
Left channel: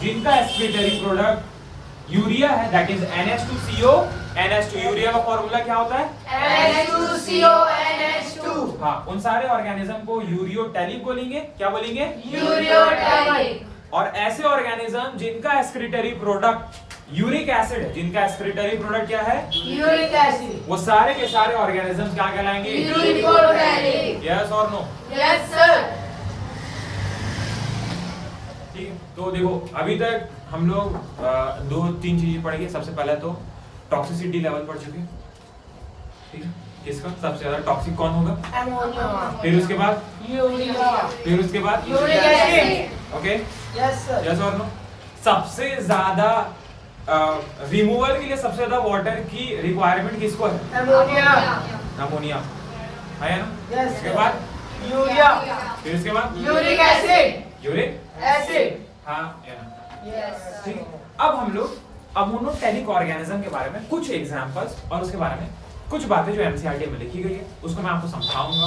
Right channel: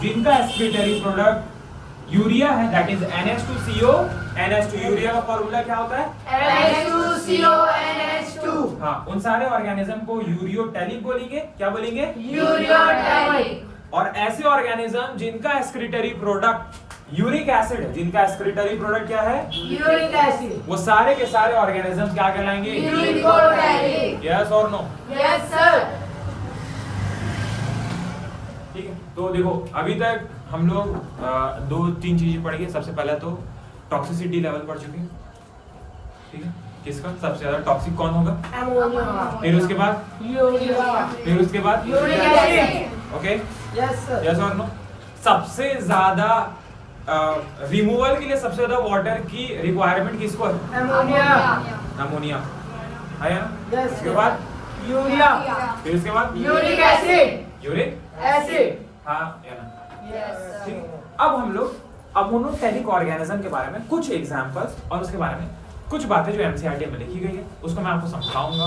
जिनका एक्सक्रीटरी प्रोडक्ट यूरिया है, that is NH2CO। NH2 urea का फॉर्मूला क्या होता है? NH2CO NH2। हाँ, उन सारे ऑर्गेनिज्म को यूरियोटैलिक बोलेंगे। क्या बोलेंगे? यूरियोटैलिक। और ऐसे ऑर्गेनिज्म जिनका एक्सक्रीटरी प्रोडक्ट यूरिक एसिड है, जिनका एक्सक्रीटरी प्रोडक्ट क्या है? Uric acid. वो सारे के सारे ऑर्गेनिज्म क्या कहलाएंगे? यूरियोटैलिक। यस और नो? Yes sir. ठीक है, तो देखो अभी तक हम लोग 2-3 चीजें पढ़ेंगे। सबसे पहला तो टॉक्सिसिटी लेवल पढ़ चुके हैं, ठीक है? किसका सबसे ज्यादा टॉक्सिक कौन होगा? अमोनिया। फिर उसके बाद यूरिया। फिर उसके बाद uric acid. Okay, Yes, sir. Yes और नो? सबसे ज्यादा रिमूवल के लिए सबसे ज्यादा वाटर की रिक्वायरमेंट किसको है? अमोनिया। अमोनिया है ना? Yes, उसके sir. बाद यूरिया। फिर उसके बाद यूरिक एसिड। Uric, acid. हाँ या ना? यस ठीक। अब हम लोग अमोनोटैलिक ऑर्गेनिज्म के बारे में कुछ एग्जांपल्स और उसके बारे में कुछ बातें जो एनसीईआरटी में लिखी गई है उसको मैं आपको समझाऊंगा,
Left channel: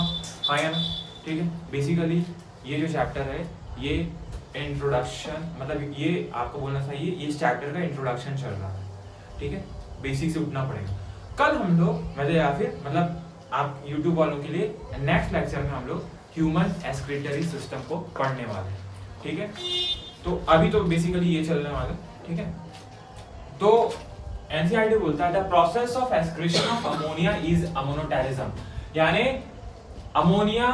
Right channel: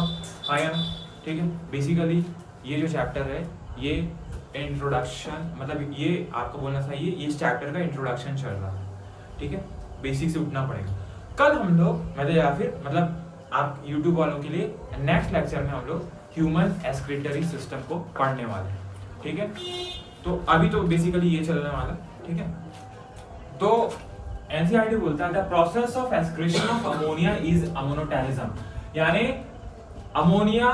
हाँ या ना? ठीक है, बेसिकली ये जो चैप्टर है ये इंट्रोडक्शन, मतलब ये आपको बोलना चाहिए ये इस चैप्टर का इंट्रोडक्शन चल रहा है, ठीक है? बेसिक से उठना पड़ेगा। कल हम लोग मतलब या फिर मतलब आप यूट्यूब वालों के लिए नेक्स्ट लेक्चर में हम लोग ह्यूमन एक्सक्रीटरी सिस्टम को पढ़ने वाले हैं, ठीक है? तो अभी तो बेसिकली ये चलने वाला, ठीक है? तो एनसीईआरटी बोलता है the process of excretion of ammonia is ammonotelism, यानी अमोनिया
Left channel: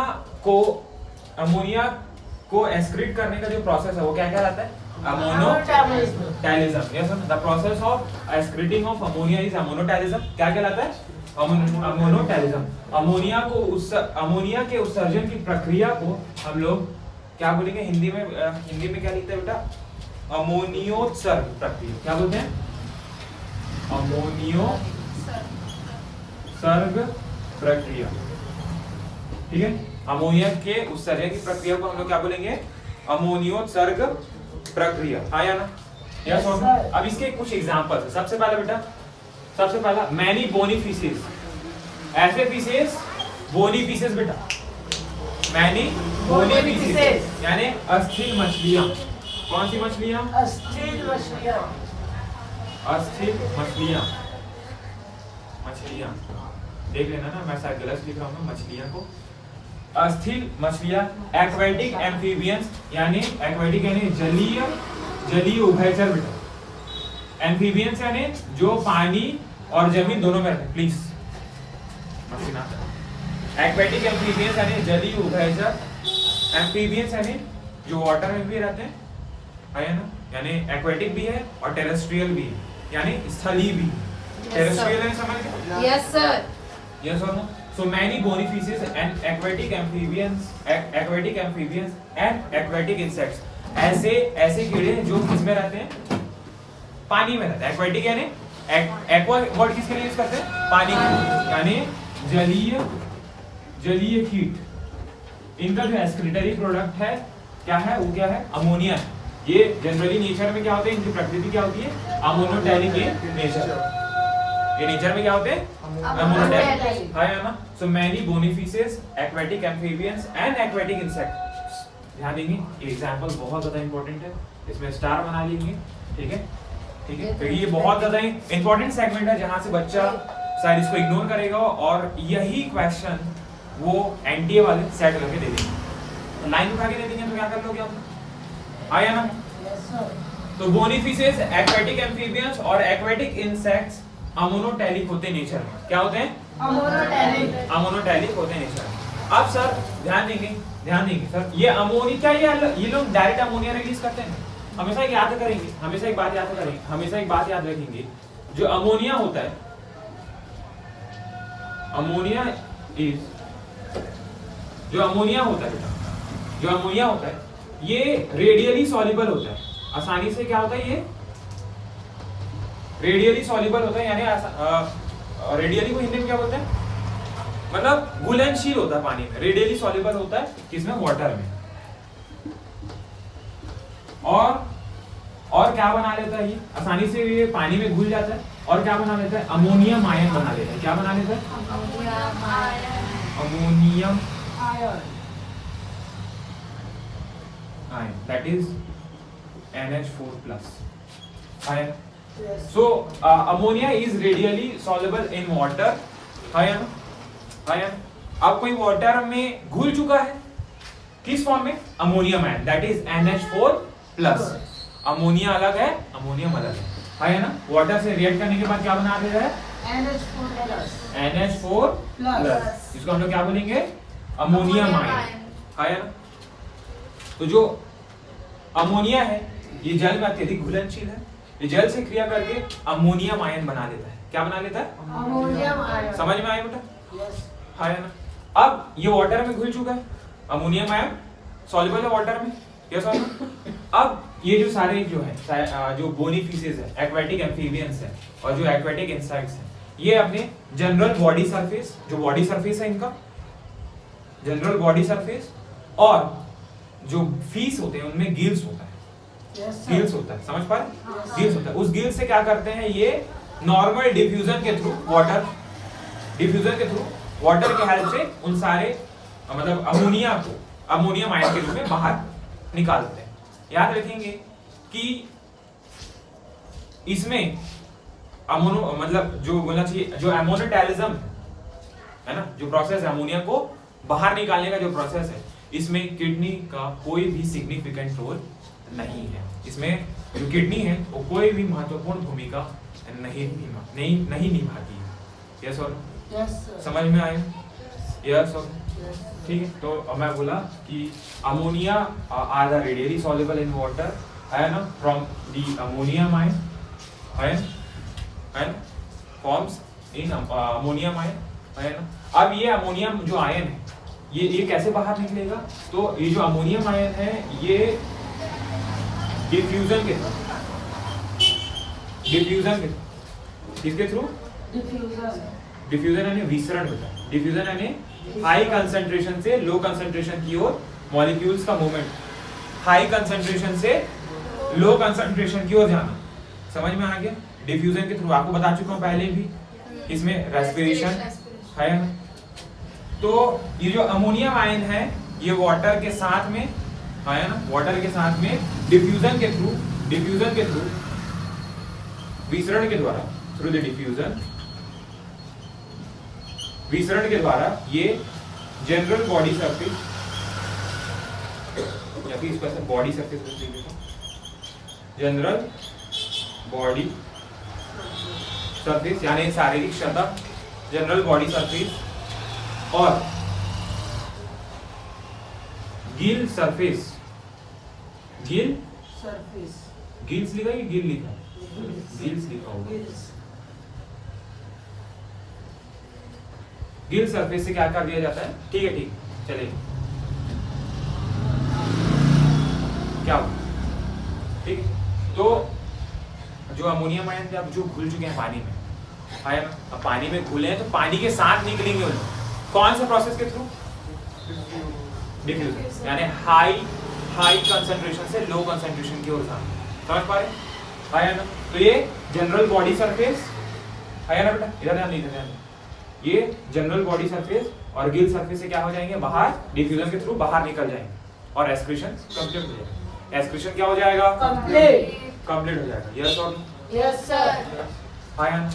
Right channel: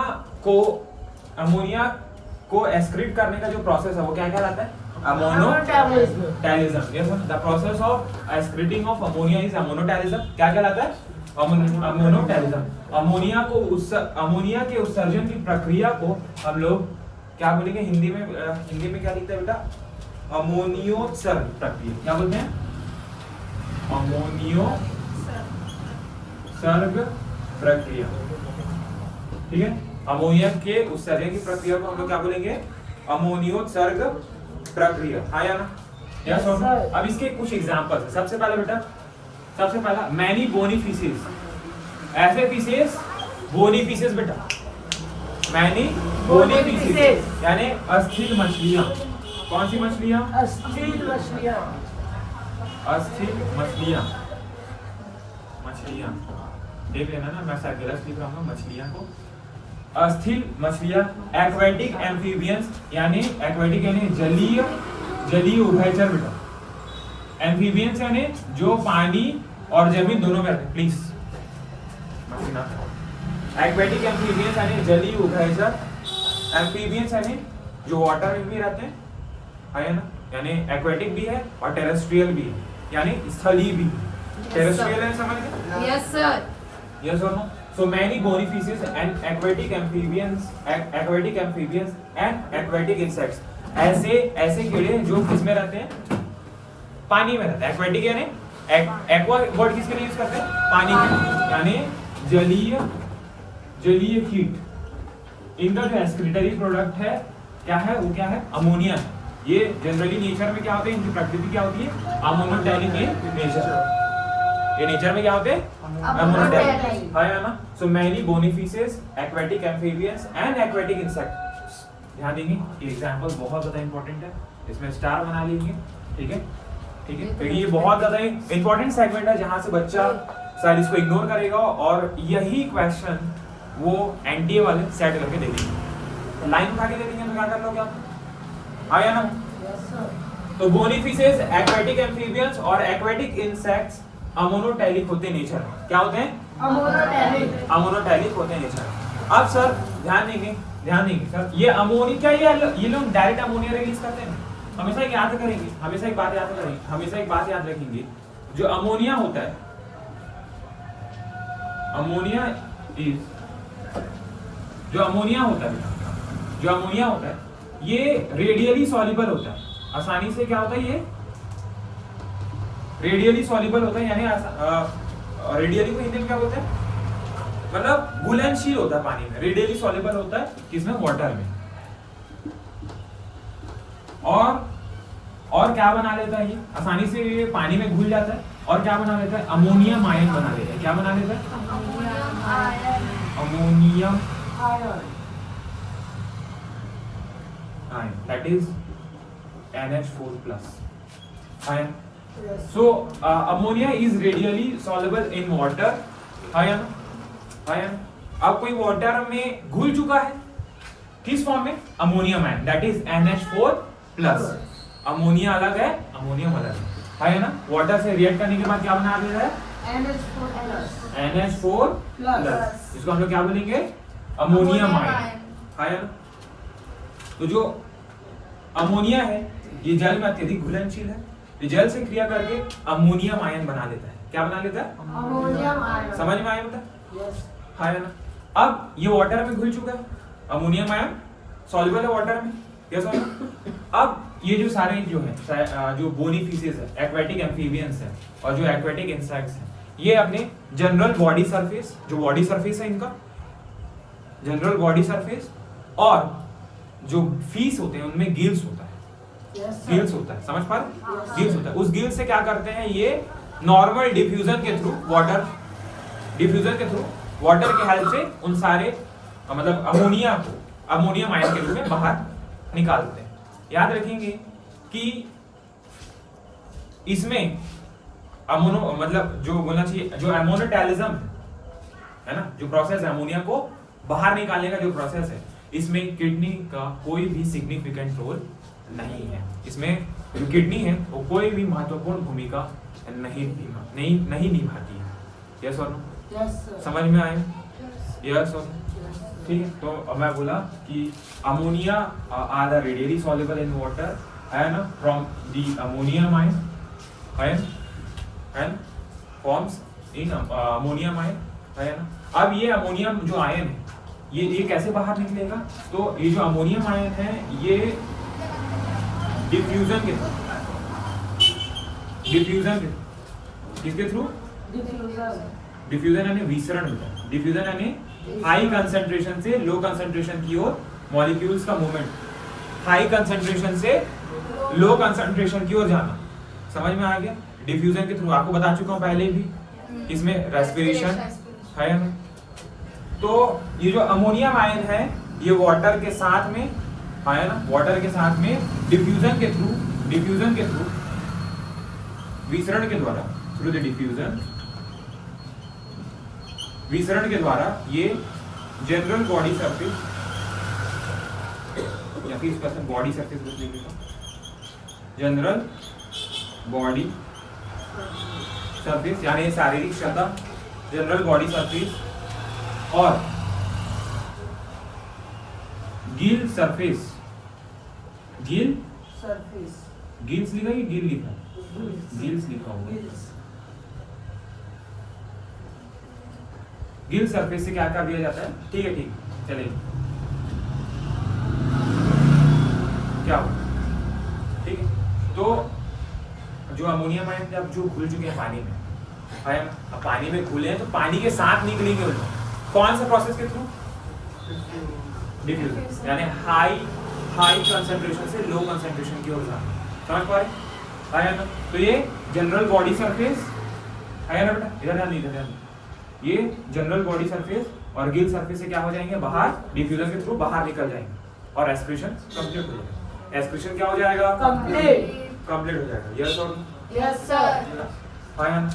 को एक्सक्रीट करने का जो प्रोसेस है वो क्या कहलाता है? Ammonotelism. Yes, the process of excreting of ammonia is ammonotelism. क्या कहलाता है? अमोनोटैलिज्म। अमोनिया के उत्सर्जन की प्रक्रिया को हम लोग क्या बोलेंगे हिंदी में क्या लिखते हैं बेटा? अमोनियोत्सर्ग प्रक्रिया। क्या बोलते हैं? अमोनियोत्सर्ग प्रक्रिया, ठीक है? अमोनिया के उत्सर्जन की प्रक्रिया को हम लोग क्या बोलेंगे? अमोनियोत्सर्ग प्रक्रिया, हाँ या ना? यस और नो? अब इसके कुछ एग्जांपल्स हैं। सबसे पहला मैनी बोनी फिशेस। ऐसे फिशेस, बोनी फिशेस बेटा, मैनी बोनी फिशेस यानी अस्थिर मछलियां। कौन सी मछलियां? अस्थिर मछलियाँ। अस्थिर मछलियां। देख लेना ना, मैं शायद गलत लिख रहा हूँ मछलियां को। अस्थिर मछलियां, एक्वेटिक एम्फीबियंस यानी एक्वेटिक यानी जलीय उभयचर बेटा। एम्फीबियंस यानी जो पानी और जमीन दोनों में रहते हैं। प्लीज मछलियां। एक्वेटिक एम्फीबियंस यानी जलीय उभयचर। एम्फीबियंस यानी जो वाटर में भी रहते हैं, है ना? यानी एक्वेटिक भी है और टेरेस्ट्रियल भी है, यानी स्थलीय भी। टेरेस्ट्रियल है, समझ गए? Yes sir. Yes or no? So many bony fishes and aquatic amphibians and aquatic insects. ऐसे कीड़े जो किसमें रहते हैं? पानी में रहते हैं। एक्वेटिक यानी एक्वा वर्ड किसके लिए यूज करते हैं? पानी में, यानी जलीय कीट। इनका जो एक्सक्रीटरी प्रोडक्ट है क्या है? वो क्या है? अमोनिया है। ये जनरली नेचर में क्या होते हैं? इनकी प्रकृति क्या होती है? Ammonotelic nature. ये नेचर में क्या होते हैं? अमोनोटैलिक, है ना? So many bony fishes, aquatic amphibians and aquatic insects. ध्यान देंगे, ये एग्जांपल बहुत ज्यादा इंपॉर्टेंट है, इसमें स्टार बना लीजिए, ठीक है? ठीक है, क्योंकि ये बहुत ज्यादा इंपॉर्टेंट सेगमेंट है जहां से बच्चा शायद इसको इग्नोर करेगा और यही क्वेश्चन वो एनटीए वाले सेट करके दे देंगे। लाइन उठा के दे देंगे तो क्या कर लोगे आप? आया ना? Yes, sir. तो बोनी फिशेस, एक्वेटिक एम्फीबियंस और एक्वेटिक इंसेक्ट्स अमोनोटैलिक होते हैं नेचर में। क्या होते हैं? अमोनोटैलिक। अमोनोटैलिक होते हैं नेचर में। अब सर ध्यान देंगे सर, ये अमोनिया क्या ये लोग डायरेक्ट अमोनिया रिलीज करते हैं? हमेशा एक बात याद रखेंगे, जो अमोनिया होता है, जो अमोनिया होता है ये रेडियली सॉल्युबल होता है। आसानी से क्या होता है? ये रेडियली सॉल्युबल होता है, यानी रेडियली को हिंदी में क्या बोलते हैं? मतलब घुलनशील होता है पानी में, रेडियली सॉल्युबल होता है किसमें, वाटर में। और क्या बना लेता है ये, आसानी से ये पानी में घुल जाता है। और क्या बना लेता है, अमोनियम आयन बना लेता है। क्या बना लेता है, ammonium ion, that is NH4+ ion. So ammonia is radially soluble in water. Ion ion. अब कोई वाटर में घुल चुका है, किस फॉर्म में, ammonium ion, that is NH4+। Ammonia अलग है, अमोनियम अलग है ना। वाटर से रिएक्ट करने के बाद क्या बना देता है, NH4+। इसको हम लोग क्या बोलेंगे, अमोनियम आयन, है ना। तो जो अमोनिया है ये जल में अत्यधिक घुलनशील है, ये जल से क्रिया करके अमोनियम आयन बना लेता है। क्या बना लेता है, अमोनियम आयन। समझ में आया बेटा, यस है ना। अब ये वाटर में घुल चुका है, अमोनियम आयन सॉल्युबल है वाटर में, यस और नो। अब ये जो सारे जो है, जो बोनी फिशेस है, एक्वेटिक एम्फीबियंस है और जो एक्वेटिक इंसेक्ट्स है, ये अपने जनरल बॉडी सरफेस, जो बॉडी सरफेस है इनका जनरल बॉडी सरफेस, और जो फीस होते हैं उनमें गिल्स होता है, गिल्स होता है, समझ पा रहे, गिल्स होता है। उस गिल्स से क्या करते हैं, ये नॉर्मल डिफ्यूजन के थ्रू, वाटर डिफ्यूजन के थ्रू, वाटर के हेल्प से उन सारे मतलब अमोनिया को अमोनियम आयन के रूप में बाहर निकालते हैं। याद रखेंगे कि इसमें अमोनो मतलब जो बोलना चाहिए, जो एमोनोटैलिज्म है ना, जो प्रोसेस है अमोनिया को बाहर निकालने का जो प्रोसेस है, इसमें किडनी का कोई भी सिग्निफिकेंट रोल नहीं है। इसमें जो किडनी है वो कोई भी महत्वपूर्ण भूमिका नहीं निभाती है। यस और नो, समझ में आया, यस और नो, ठीक है। तो अब मैं बोला कि ammonia are the readily soluble in water, है ना, from the ammonium ion forms in ammonium ion, है ना। अब ये अमोनियम जो आयन है ये कैसे बाहर निकलेगा, तो ये जो अमोनियम आयन है ये डिफ्यूजन के थ्रू, किसके थ्रू, डिफ्यूजन यानी विसरण होता है। डिफ्यूजन यानी हाई कंसंट्रेशन से लो कंसंट्रेशन की ओर मॉलिक्यूल्स का मूवमेंट, हाई कंसंट्रेशन से लो कंसंट्रेशन की ओर जाना, समझ में आ गया। डिफ्यूजन के थ्रू आपको बता चुका हूं पहले भी, इसमें रेस्पिरेशन है ना। तो ये जो अमोनियम आयन है ये वाटर के साथ में, है ना, वाटर के साथ में डिफ्यूजन के थ्रू विसरण के द्वारा, थ्रू द डिफ्यूजन, विसरण के द्वारा ये जनरल बॉडी सरफेस या फिर इसका बॉडी सरफेस बोल देंगे, जनरल बॉडी सरफेस यानी शारीरिक सतह, जनरल बॉडी सरफेस और गिल सरफेस, गिल्स लिखा है कि गिल लिखा है, गिल्स लिखा होगा। गिल सरफेस से क्या कर दिया जाता है, ठीक है, ठीक चलेगा, क्या हो, ठीक है। तो जो अमोनियम आयन जब जो घुल चुके हैं पानी में, है ना, अब पानी में घुले हैं तो पानी के साथ निकलेंगे उन लोग, कौन से प्रोसेस के थ्रू, डिफ्यूजन यानी हाई कंसंट्रेशन से लो कंसंट्रेशन की ओर जाना, समझ पा रहे, है ना। तो ये जनरल बॉडी सरफेस है ना बेटा, इधर ध्यान, इधर ध्यान, ये जनरल बॉडी सरफेस और गिल सरफेस से क्या हो जाएंगे, बाहर डिफ्यूजन के थ्रू बाहर निकल जाएंगे और रेस्पिरेशन कंप्लीट हो जाएगा। रेस्पिरेशन क्या हो जाएगा, कंप्लीट हो जाएगा। यस और यस सर, है ना।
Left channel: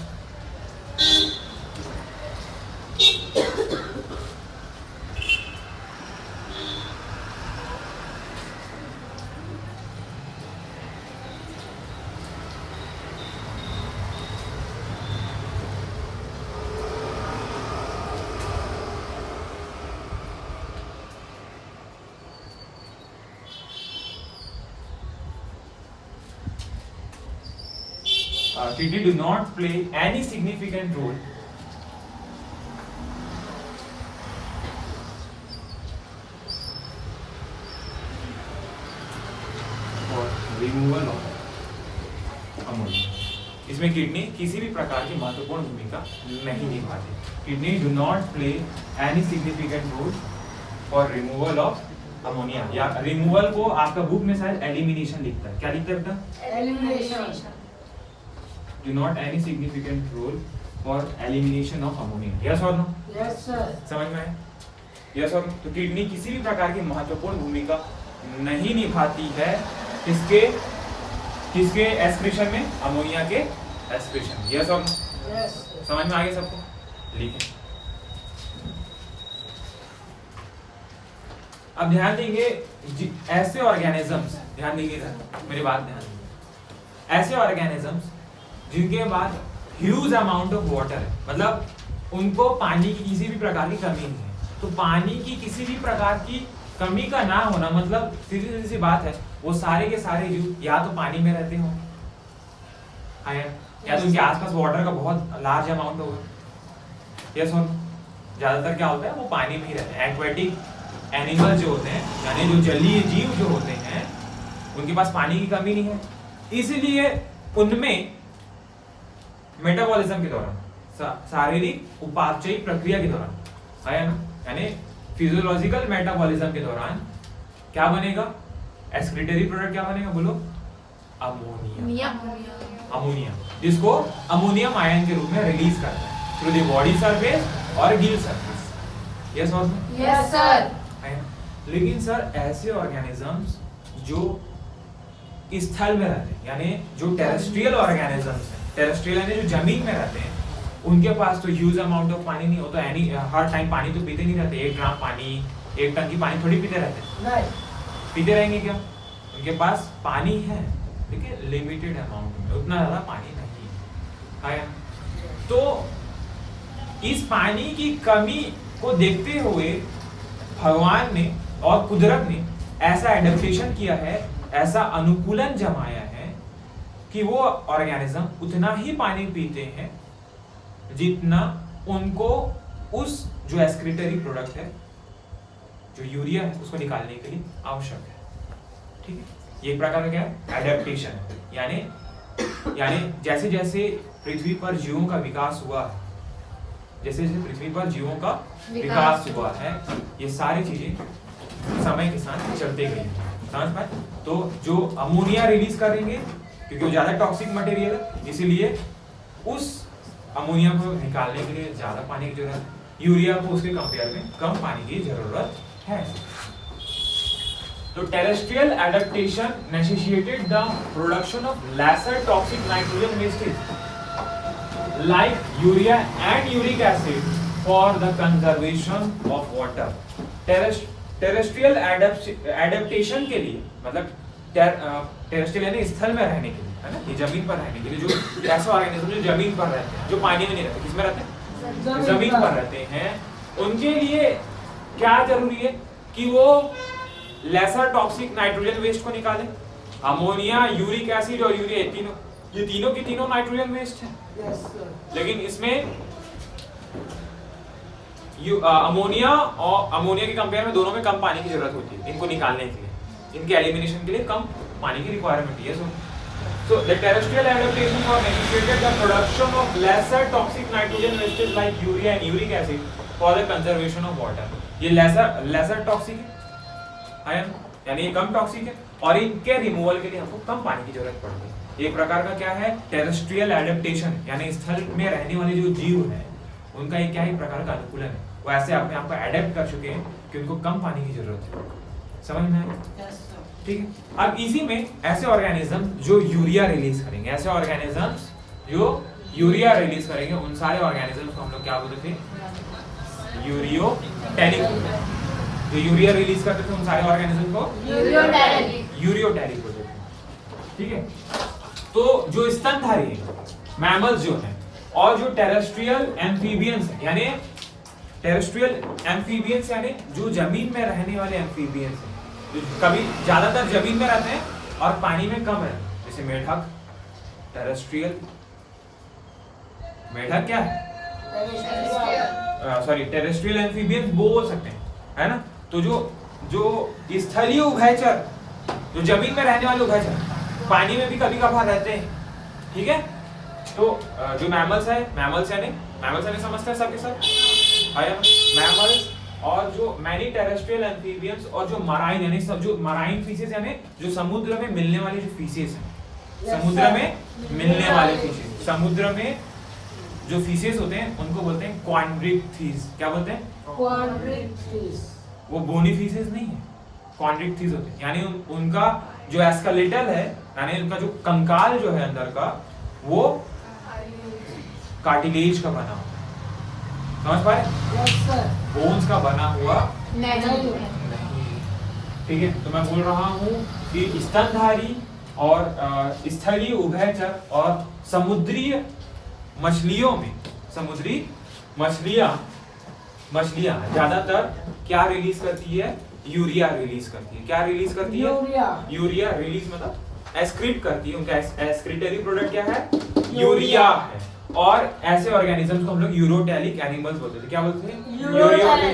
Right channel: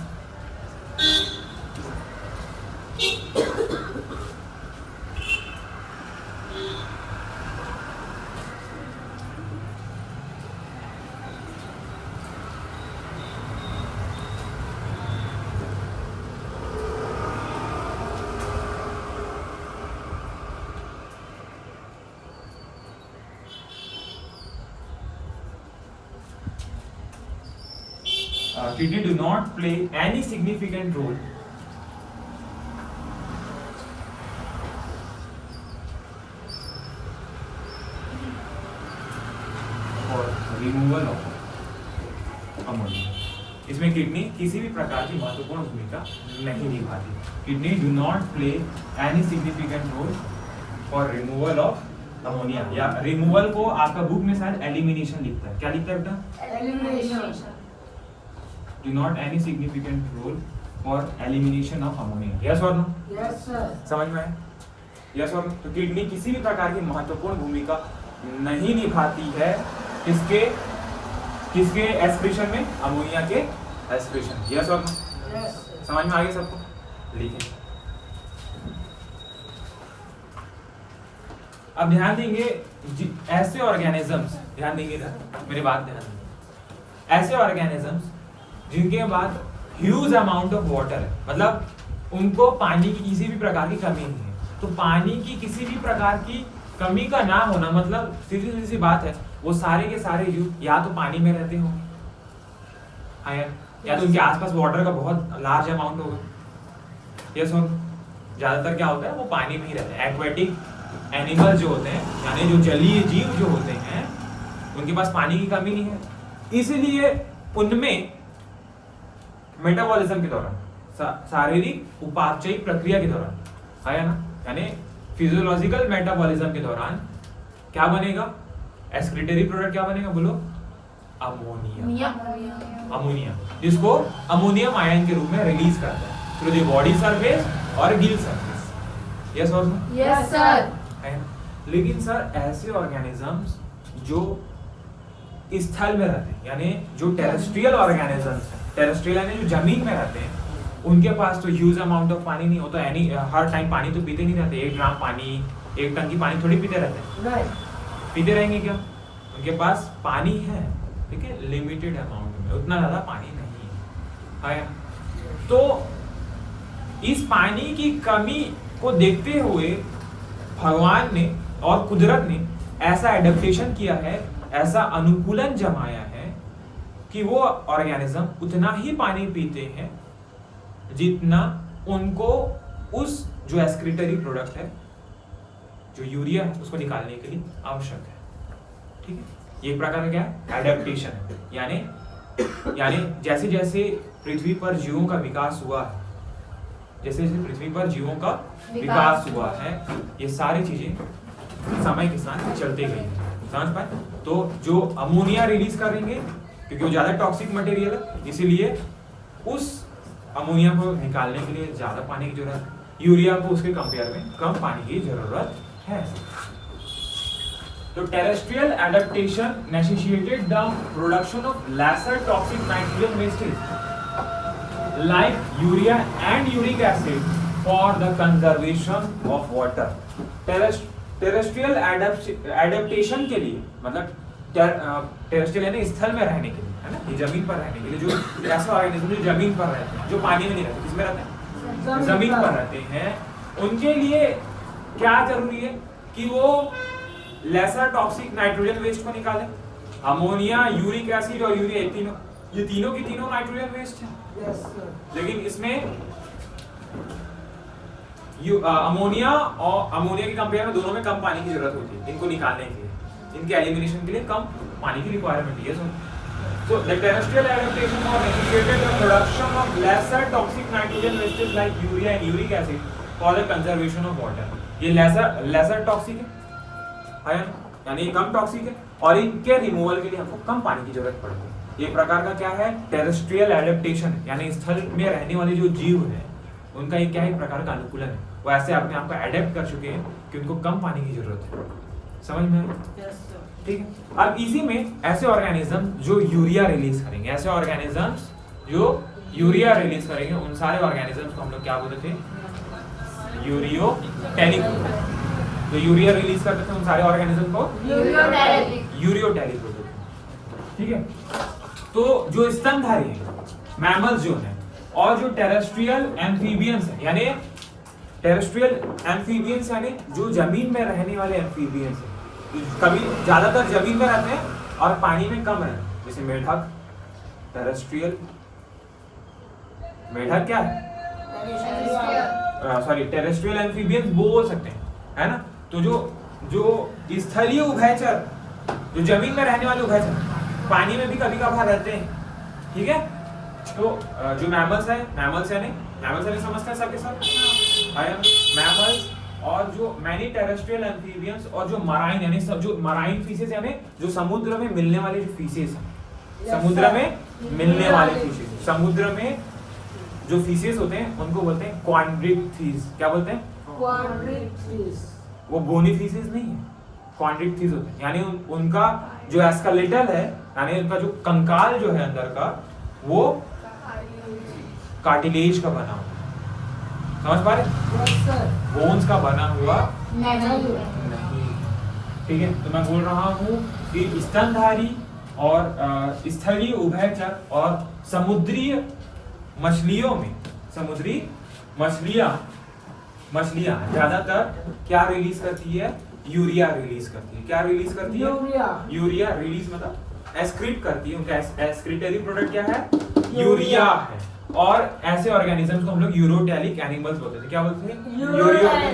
Kidney do not play any significant role for removal of ammonia इसमें किडनी किसी भी प्रकार की महत्वपूर्ण भूमिका नहीं निभाती। Kidney do not play any significant role for removal of ammonia, या रिमूवल को आपका बुक में शायद एलिमिनेशन लिखता है, क्या लिखता है बेटा? Elimination. Do not any significant role for elimination of ammonia, yes और नो? Yes, sir. समझ में आया? यस और नो? तो किडनी किसी भी प्रकार की महत्वपूर्ण भूमिका नहीं निभाती है किसके किसके एस्क्रीशन में? अमोनिया के एस्क्रीशन, यस और नो? Yes, sir. समझ में आ गया सबको? लिखें। अब ध्यान देंगे ऐसे ऑर्गेनिजम्स, ध्यान देंगे इधर, मेरी बात ध्यान देंगे। ऐसे ऑर्गेनिजम्स जिनके बाद ह्यूज अमाउंट ऑफ वाटर है, मतलब उनको पानी की किसी भी प्रकार की कमी नहीं है। तो पानी की किसी भी प्रकार की कमी का ना होना मतलब सीधी सी बात है, वो सारे के सारे जीव या तो पानी में रहते होंगे, हाँ या तो उनके आसपास वाटर का बहुत लार्ज अमाउंट होगा, यस और ज्यादातर क्या होता है वो पानी में ही रहते हैं। एक्वेटिक एनिमल जो होते हैं यानी जो जलीय जीव जो होते हैं उनके पास पानी की कमी नहीं है, इसलिए उनमें मेटाबॉलिज्म के दौरान शारीरिक उपापचयी प्रक्रिया के दौरान है ना, यानी फिजियोलॉजिकल मेटाबॉलिज्म के दौरान क्या बनेगा? एक्सक्रीटरी प्रोडक्ट क्या बनेगा बोलो? अमोनिया। अमोनिया जिसको अमोनियम आयन के रूप में रिलीज करता है थ्रू द बॉडी सरफेस और गिल सरफेस, यस और नो? Yes, sir. है ना? लेकिन सर ऐसे ऑर्गेनिजम्स जो स्थल में रहते हैं यानी जो टेरेस्ट्रियल ऑर्गेनिजम्स हैं, टेरेस्ट्रियल यानी जो जमीन में रहते हैं, उनके पास तो ह्यूज अमाउंट ऑफ पानी नहीं हो, तो एनी हर टाइम पानी तो पीते नहीं रहते। 1 ग्राम पानी 1 टंकी पानी थोड़ी पीते रहते हैं, Right. पीते रहेंगे क्या? उनके पास पानी है लेकिन लिमिटेड अमाउंट में, उतना ज्यादा पानी नहीं है ना? तो इस पानी की कमी को देखते हुए भगवान ने और कुदरत ने ऐसा एडेप्टेशन किया है, ऐसा अनुकूलन जमाया है कि वो ऑर्गेनिज्म उतना ही पानी पीते हैं जितना उनको उस जो एक्सक्रीटरी प्रोडक्ट है जो यूरिया है उसको निकालने के लिए आवश्यक है। ठीक है, ये एक प्रकार का क्या है? एडेप्टेशन है। यानी जैसे जैसे पृथ्वी पर जीवों का विकास हुआ है, जैसे जैसे पृथ्वी पर जीवों का विकास हुआ है, ये सारी चीजें समय के साथ चलते गई हैं। समझ पाए? तो जो अमोनिया रिलीज करेंगे क्योंकि वो ज्यादा टॉक्सिक मटेरियल है, इसीलिए उस अमोनिया को निकालने के लिए ज्यादा पानी की जरूरत है। यूरिया को उसके कंपेयर में कम पानी की जरूरत है। तो terrestrial adaptation necessitated the production of lesser toxic nitrogen wastage like urea and uric acid for the conservation of water. Terrestrial adaptation के लिए मतलब टेरेस्ट्रियल यानी स्थल में रहने के लिए, है ना, ये जमीन पर रहने के लिए, जो ऐसे ऑर्गेनिज्म जो जमीन पर रहते हैं, जो पानी में नहीं रहते, किसमें रहते हैं? जमीन पर रहते हैं, उनके लिए क्या जरूरी है कि वो लेसर टॉक्सिक नाइट्रोजन वेस्ट को निकाले। अमोनिया, यूरिक एसिड और यूरिया, ये तीनों की तीनों नाइट्रोजन वेस्ट है। Yes, sir. लेकिन इसमें अमोनिया और अमोनिया के कंपेयर में दोनों में कम पानी की जरूरत होती है इनको निकालने के लिए, इनके एलिमिनेशन के लिए कम पानी की रिक्वायरमेंट है। So the terrestrial adaptation for necessitated the production of lesser toxic nitrogen wastes like urea and uric acid for the conservation of water। ये lesser toxic है यानी ये कम टॉक्सिक है और इनके रिमूवल के लिए हमको कम पानी की जरूरत पड़ती है। ये प्रकार का क्या है? टेरेस्ट्रियल एडेप्टेशन, यानी स्थल में रहने वाले जो जीव हैं उनका एक क्या है? एक प्रकार का अनुकूलन है। वो ऐसे अपने आप को एडेप्ट कर चुके हैं कि उनको कम पानी की जरूरत है। समझ में आया? Yes, sir. ठीक है। अब इसी में ऐसे ऑर्गेनिज्म जो यूरिया रिलीज करेंगे, ऐसे ऑर्गेनिजम्स जो यूरिया रिलीज करेंगे, उन सारे ऑर्गेनिजम्स को हम लोग क्या बोलते थे? यूरियोटेलिक। जो यूरिया रिलीज करते थे उन सारे ऑर्गेनिज्म को यूरियोटेलिक बोलते थे। ठीक है। तो जो स्तनधारी है, मैमल्स जो हैं, और जो टेरेस्ट्रियल एम्फीबियंस है, यानी टेरेस्ट्रियल एम्फीबियंस यानी जो जमीन में रहने वाले एम्फीबियंस हैं, कभी ज्यादातर जमीन में रहते हैं और पानी में कम रहते हैं, जैसे मेढक। टेरेस्ट्रियल मेढक क्या है? सॉरी, टेरेस्ट्रियल एम्फीबियंस बोल सकते हैं, है ना। तो जो स्थलीय उभयचर, जो जमीन में रहने वाले उभयचर, पानी में भी कभी कभार रहते हैं, ठीक है, तो जो मैमल्स है, मैमल्स यानी समझते हैं सबके सब, मैमल्स और जो मैनी टेरेस्ट्रियल एम्फीबियंस और जो मराइन यानी सब जो मराइन फीसेस यानी जो समुद्र में मिलने वाले जो फीसेस हैं, समुद्र में मिलने वाले फीसेस, समुद्र में जो फीसेस होते हैं उनको बोलते हैं क्वाड्रिक्थीज। क्या बोलते हैं? क्वाड्रिक्थीज। वो बोनी फीसेस नहीं है, क्वाड्रिक्थीज होते हैं, यानी उनका जो एस्केलेटल है यानी उनका जो कंकाल जो है अंदर का वो कार्टिलेज का बना हुआ है। समझ पा रहे? Yes sir. बोन्स का बना हुआ नहीं। नहीं। ठीक है, तो मैं बोल रहा हूँ कि स्तनधारी और स्थलीय उभयचर और समुद्री मछलियों में, समुद्री मछलियां ज्यादातर क्या रिलीज करती है? यूरिया रिलीज करती है। क्या रिलीज करती है? यूरिया रिलीज मतलब एस्क्रीट करती है। उनका एस्क्रीटरी प्रोडक्ट क्या है? यूरिया है। और ऐसे ऑर्गेनिजम्स को हम लोग यूरोटैलिक एनिमल्स बोलते थे। क्या बोलते थे?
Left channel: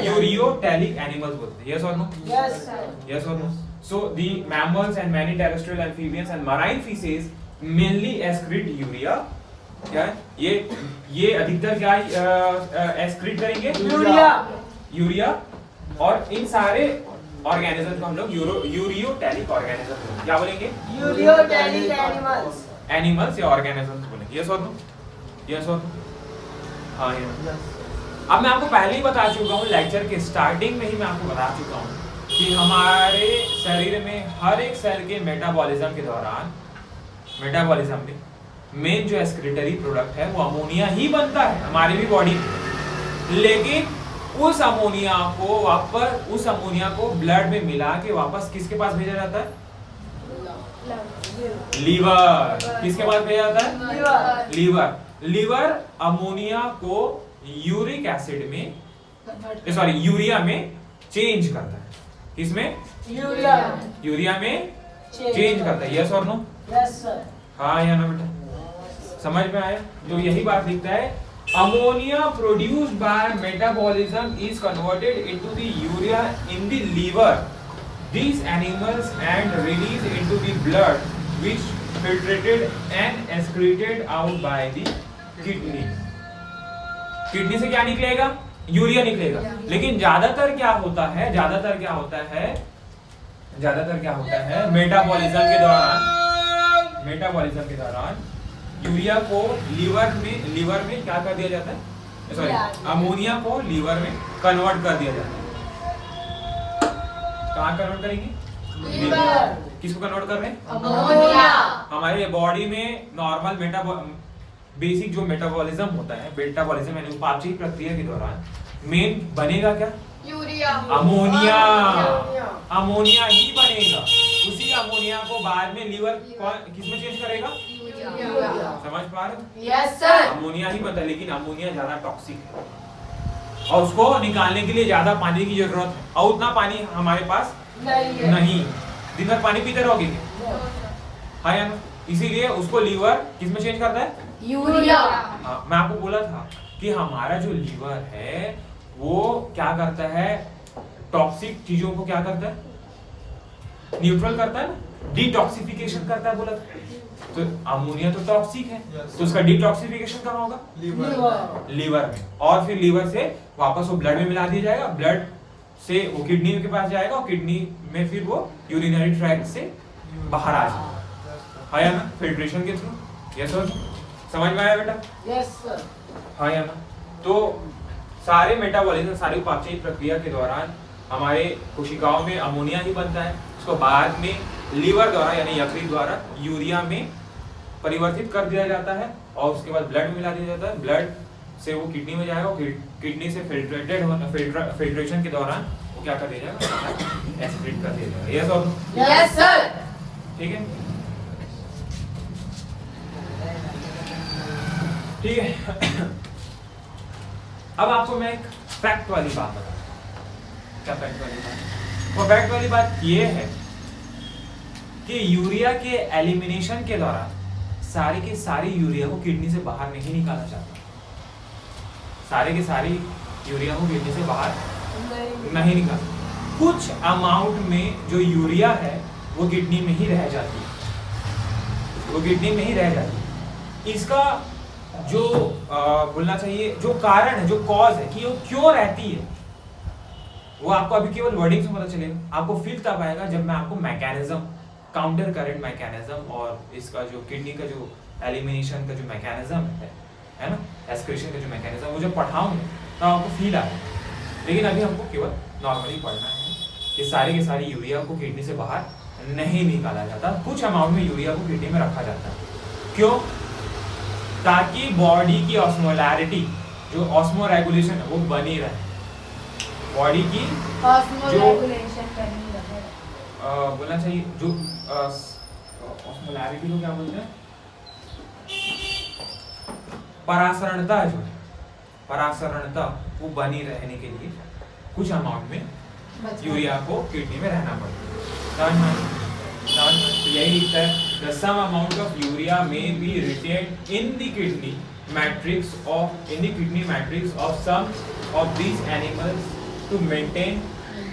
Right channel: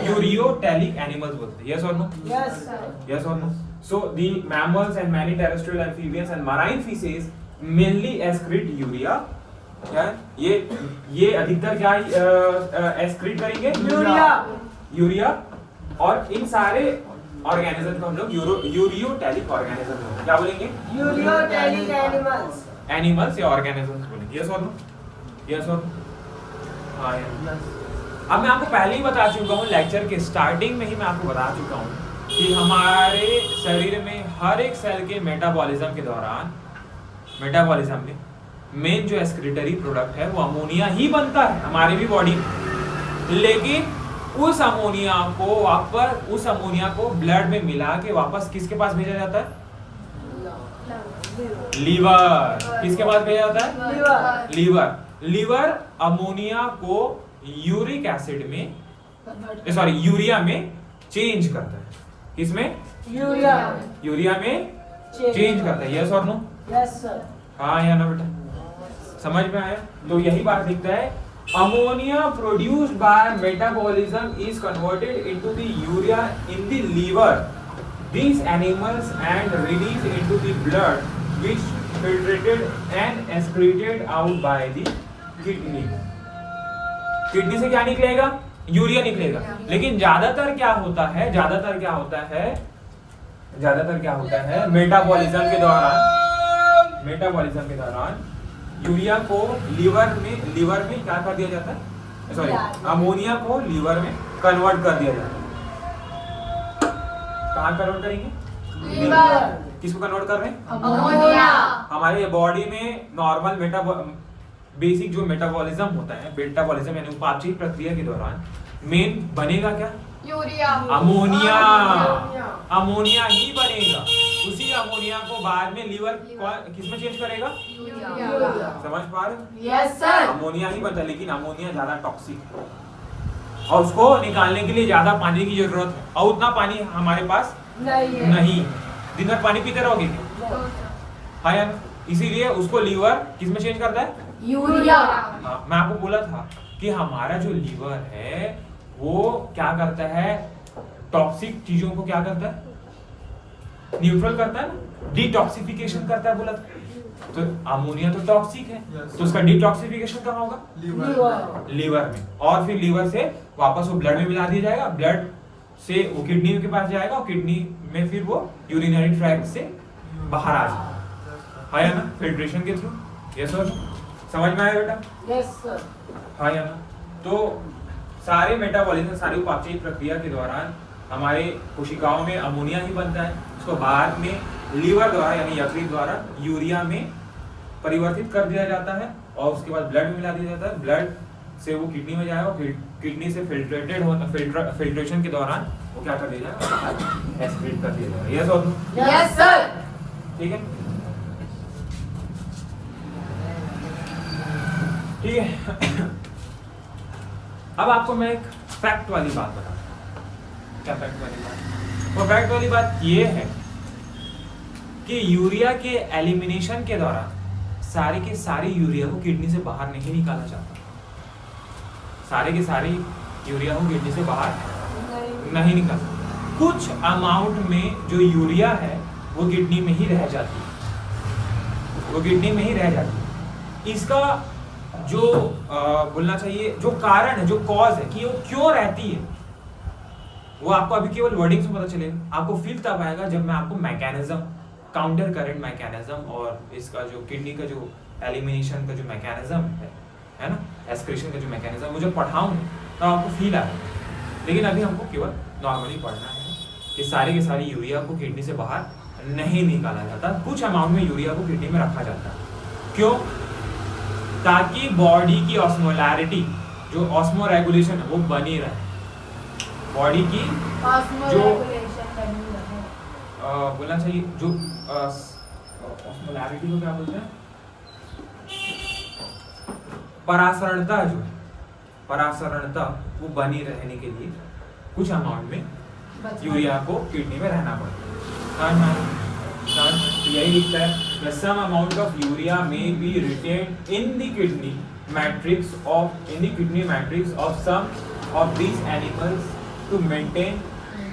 यूरियोटैलिक एनिमल्स बोलते थे। यस और no? Yes sir. Yes or no? So the mammals and many terrestrial amphibians and marine species mainly excrete urea. क्या है? ये अधिकतर क्या excrete करेंगे? यूरिया। और इन सारे ऑर्गेनिज्म को हम लोग यूरियोटैलिक ऑर्गेनिज्म बोलेंगे। क्या बोलेंगे? Ureotelic animals. एनिमल्स या ऑर्गेनिजम्स बोलेंगे। यस और नो? यस और नो? हाँ यार। अब मैं आपको पहले ही बता चुका हूँ, लेक्चर के स्टार्टिंग में ही मैं आपको बता चुका हूँ कि हमारे शरीर में हर एक सेल के मेटाबॉलिज्म के दौरान, मेटाबॉलिज्म में मेन जो एक्सक्रीटरी प्रोडक्ट है वो अमोनिया ही बनता है हमारे भी बॉडी में। लेकिन उस अमोनिया को ब्लड में मिला के वापस किसके पास भेजा जाता है? लीवर। किसके पास भेजा जाता है? लीवर अमोनिया को यूरिक एसिड में, सॉरी यूरिया में चेंज करता है। किसमें? यूरिया में चेंज करता है। यस और नो? Yes sir. हाँ या ना बेटा? समझ में आया? तो यही बात लिखता है, ammonia produced by metabolism is converted into the urea in the liver, these animals and released into the blood which filtrated and excreted out by the kidney. Kidney से क्या निकलेगा? यूरिया निकलेगा। लेकिन ज्यादातर क्या होता है मेटाबॉलिज्म के दौरान यूरिया को लीवर में क्या कर दिया जाता है? सॉरी, अमोनिया को लीवर में कन्वर्ट कर दिया जाता है। कहाँ कन्वर्ट करेंगे? लीवर। किसको कन्वर्ट कर रहे हैं? अमोनिया। हमारे बॉडी में नॉर्मल बेसिक जो मेटाबॉलिज्म होता है, मेटाबॉलिज्म यानी उपापचय प्रक्रिया के दौरान मेन बनेगा क्या? यूरिया। अमोनिया ही बनेगा। उसी अमोनिया को बाद में लीवर किसमें चेंज करेगा? यूरिया। समझ पा रहे? Yes sir. अमोनिया ही बनता है, लेकिन अमोनिया ज्यादा टॉक्सिक है और उसको निकालने के लिए ज्यादा पानी की जरूरत है, और उतना पानी हमारे पास नहीं। दिन भर पानी पीते रहोगे क्या? हाँ या ना? इसीलिए उसको लीवर किसमें चेंज करता है? यूरिया। हाँ, मैं आपको बोला था कि हमारा जो लीवर है वो क्या करता है? टॉक्सिक चीजों को क्या करता है? न्यूट्रल करता है ना, डिटॉक्सिफिकेशन करता है बोला था। तो अमोनिया तो टॉक्सिक है, तो उसका डिटॉक्सिफिकेशन कहाँ होगा? लीवर में। और फिर लीवर से वापस वो ब्लड में मिला दिया जाएगा, ब्लड से वो किडनी के पास जाएगा और किडनी में फिर वो यूरिनरी ट्रैक्ट से बाहर आ जाएगा। है ना? फिल्ट्रेशन के थ्रू। यस और समझ में आया बेटा? Yes sir. हाँ या ना? तो सारे मेटाबॉलिज्म, सारी उपापचय प्रक्रिया के दौरान हमारे कोशिकाओं में अमोनिया ही बनता है। उसको बाद में लीवर द्वारा यानी यकृत द्वारा यूरिया में परिवर्तित कर दिया जाता है और उसके बाद ब्लड में मिला दिया जाता है। ब्लड से वो किडनी में जाएगा, किडनी से फिल्ट्रेशन के दौरान वो क्या कर दिया जाएगा? एक्सक्रीट कर दिया जाएगा। यस और नो? Yes sir. ठीक है, ठीक है। अब आपको मैं एक फैक्ट वाली बात बताता हूँ। क्या फैक्ट वाली बात? वो फैक्ट वाली बात ये है कि यूरिया के एलिमिनेशन के दौरान सारे के सारे यूरिया को किडनी से बाहर नहीं निकाला जाता। सारे के सारे यूरिया को किडनी से बाहर नहीं निकाला। कुछ अमाउंट में जो यूरिया है वो किडनी में ही रह जाती है, वो किडनी में ही रह जाती है। इसका जो बोलना चाहिए जो कारण है, जो कॉज है कि वो क्यों रहती है, वो आपको अभी केवल वर्डिंग से पता चलेगा। आपको फील तब आएगा जब मैं आपको मैकेनिज्म, काउंटर करंट मैकेनिज्म और इसका जो किडनी का जो एलिमिनेशन का जो मैकेनिज्म है ना, एस्क्रीशन का जो मैकेनिज्म, वो जब पढ़ाऊंगा तब आपको फील आएगा। लेकिन अभी हमको केवल नॉर्मली पढ़ना है कि सारे के सारे यूरिया को किडनी से बाहर नहीं निकाला जाता, कुछ अमाउंट में यूरिया को किडनी में रखा जाता है। क्यों? ताकि बॉडी की ऑस्मोलैरिटी, जो ऑस्मो रेगुलेशन है, वो बनी रहे। बॉडी की जो बोलना चाहिए जो ऑस्मोलैरिटी को क्या बोलते हैं, परासरणता, जो है परासरणता, वो बनी रहने के लिए कुछ अमाउंट में यूरिया को किडनी में रहना पड़ता है। तो यही लिखता है the some amount of urea may be retained in the kidney matrix of some of these animals to maintain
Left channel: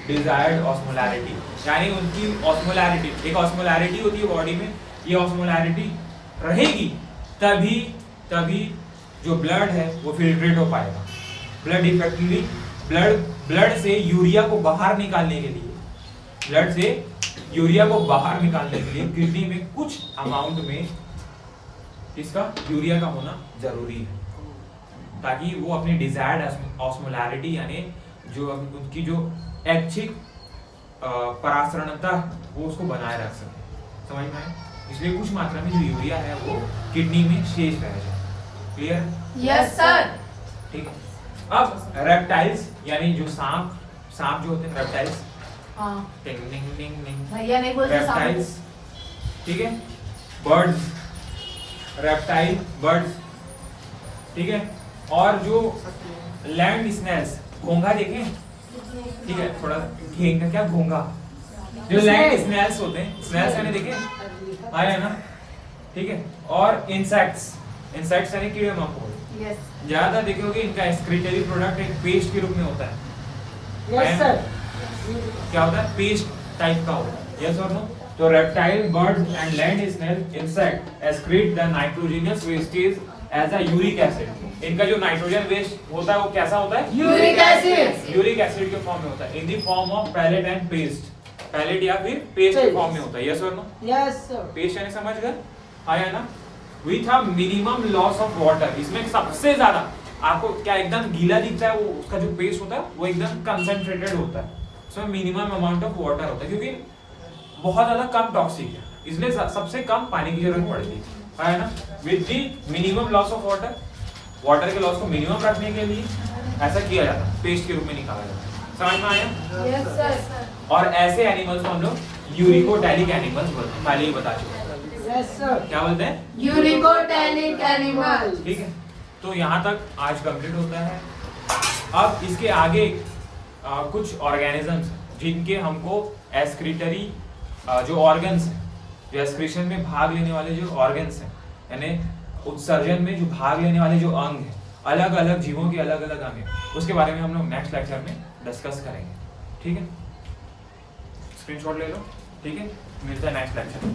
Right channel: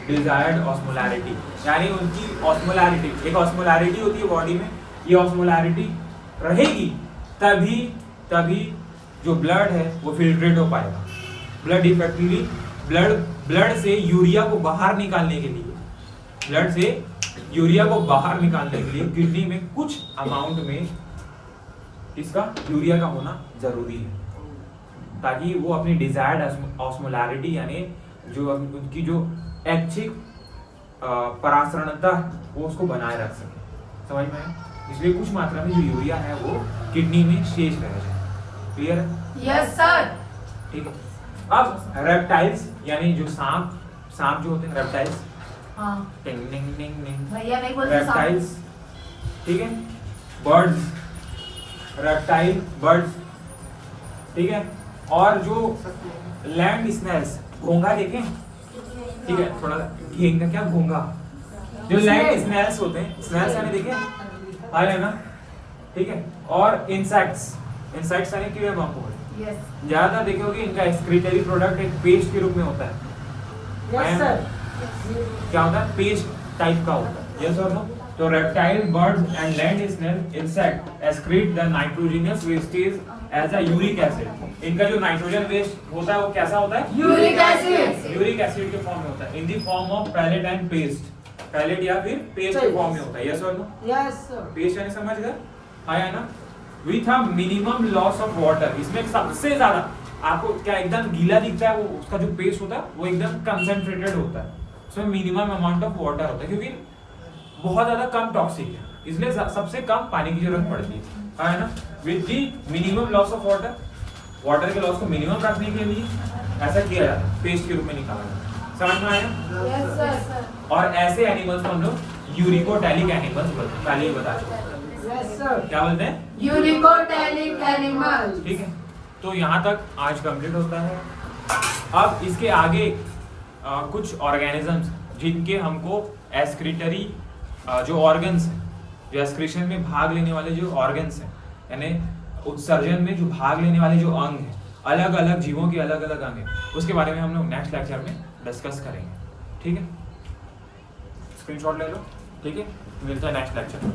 desired osmolarity। यानी उनकी ऑस्मोलैरिटी, एक ऑस्मोलैरिटी होती है बॉडी में, ये ऑस्मोलैरिटी रहेगी तभी जो ब्लड है वो फिल्ट्रेट हो पाएगा। ब्लड इफेक्टिवली ब्लड से यूरिया को बाहर निकालने के लिए, किडनी में कुछ अमाउंट में इसका यूरिया का होना जरूरी है, ताकि वो अपनी डिजायर्ड ऑस्मोलैरिटी यानी जो उनकी जो ऐच्छिक परासरणता वो उसको बनाए रख सके। समझ में आए? इसलिए कुछ मात्रा में जो यूरिया है वो किडनी में शेष रह जाए। क्लियर है? Yes sir. ठीक है। अब रेप्टाइल्स यानी जो सांप जो होते हैं रेप्टाइल्स, हाँ टिंग टिंग टिंग टिंग, भैया नहीं बोलते रेप्टाइल्स, ठीक है, बर्ड्स, रेप्टाइल बर्ड्स, ठीक है, और जो लैंड स्नेल्स, घोंघा देखें, ठीक है, थोड़ा घेंग का क्या, घोंघा, जो लैंड स्नेल्स होते हैं, स्नेल्स यानी देखे आए है ना, ठीक है, और इंसेक्ट्स यानी कीड़े मकोड़े, यस ज्यादा देखे होगे इनका एक्सक्रीटरी प्रोडक्ट एक पेस्ट के रूप में होता है। Yes sir. क्या होता है? पेस्ट टाइप का होता है। यस और नो? तो reptile, birds and land snail insect excrete the nitrogenous wastage as a uric acid. इनका जो नाइट्रोजन वेस्ट होता है वो कैसा होता है? Uric acid. यूरिक एसिड के फॉर्म में होता है, in the form of pellet and paste, pellet या फिर पेस्ट के फॉर्म में होता है। यस और नो? Yes sir. पेस्ट यानी समझ गए? आया ना? With a minimum loss of water. इसमें सबसे ज्यादा आपको क्या एकदम गीला दिखता है, वो उसका जो पेस्ट होता है वो एकदम कंसंट्रेटेड होता है, उसमें मिनिमम अमाउंट ऑफ वाटर होता है, क्योंकि बहुत ज्यादा कम टॉक्सिक है, इसलिए सबसे कम पानी की जरूरत पड़ती है ना। With the minimum loss of water के लॉस को मिनिमम रखने के लिए ऐसा किया जाता है, पेस्ट के रूप में निकाला जाता है। समझ में आया? Yes sir. और ऐसे एनिमल्स को हम लोग यूरिकोटैलिक एनिमल्स बोलते हैं, पहले ही बता चुके हैं। Yes sir. क्या बोलते हैं? Uricotelic animal. ठीक है, तो यहाँ तक आज कंप्लीट होता है। अब इसके आगे कुछ ऑर्गेनिजम्स जिनके हमको एस्क्रीटरी जो ऑर्गन्स हैं, जो एस्क्रीशन में भाग लेने वाले जो ऑर्गन्स हैं, यानी उत्सर्जन में जो भाग लेने वाले जो अंग हैं, अलग अलग जीवों के अलग अलग अंग हैं, उसके बारे में हम लोग नेक्स्ट लेक्चर में डिस्कस करेंगे। ठीक है, स्क्रीनशॉट ले लो। ठीक है, मिलता है नेक्स्ट लेक्चर में।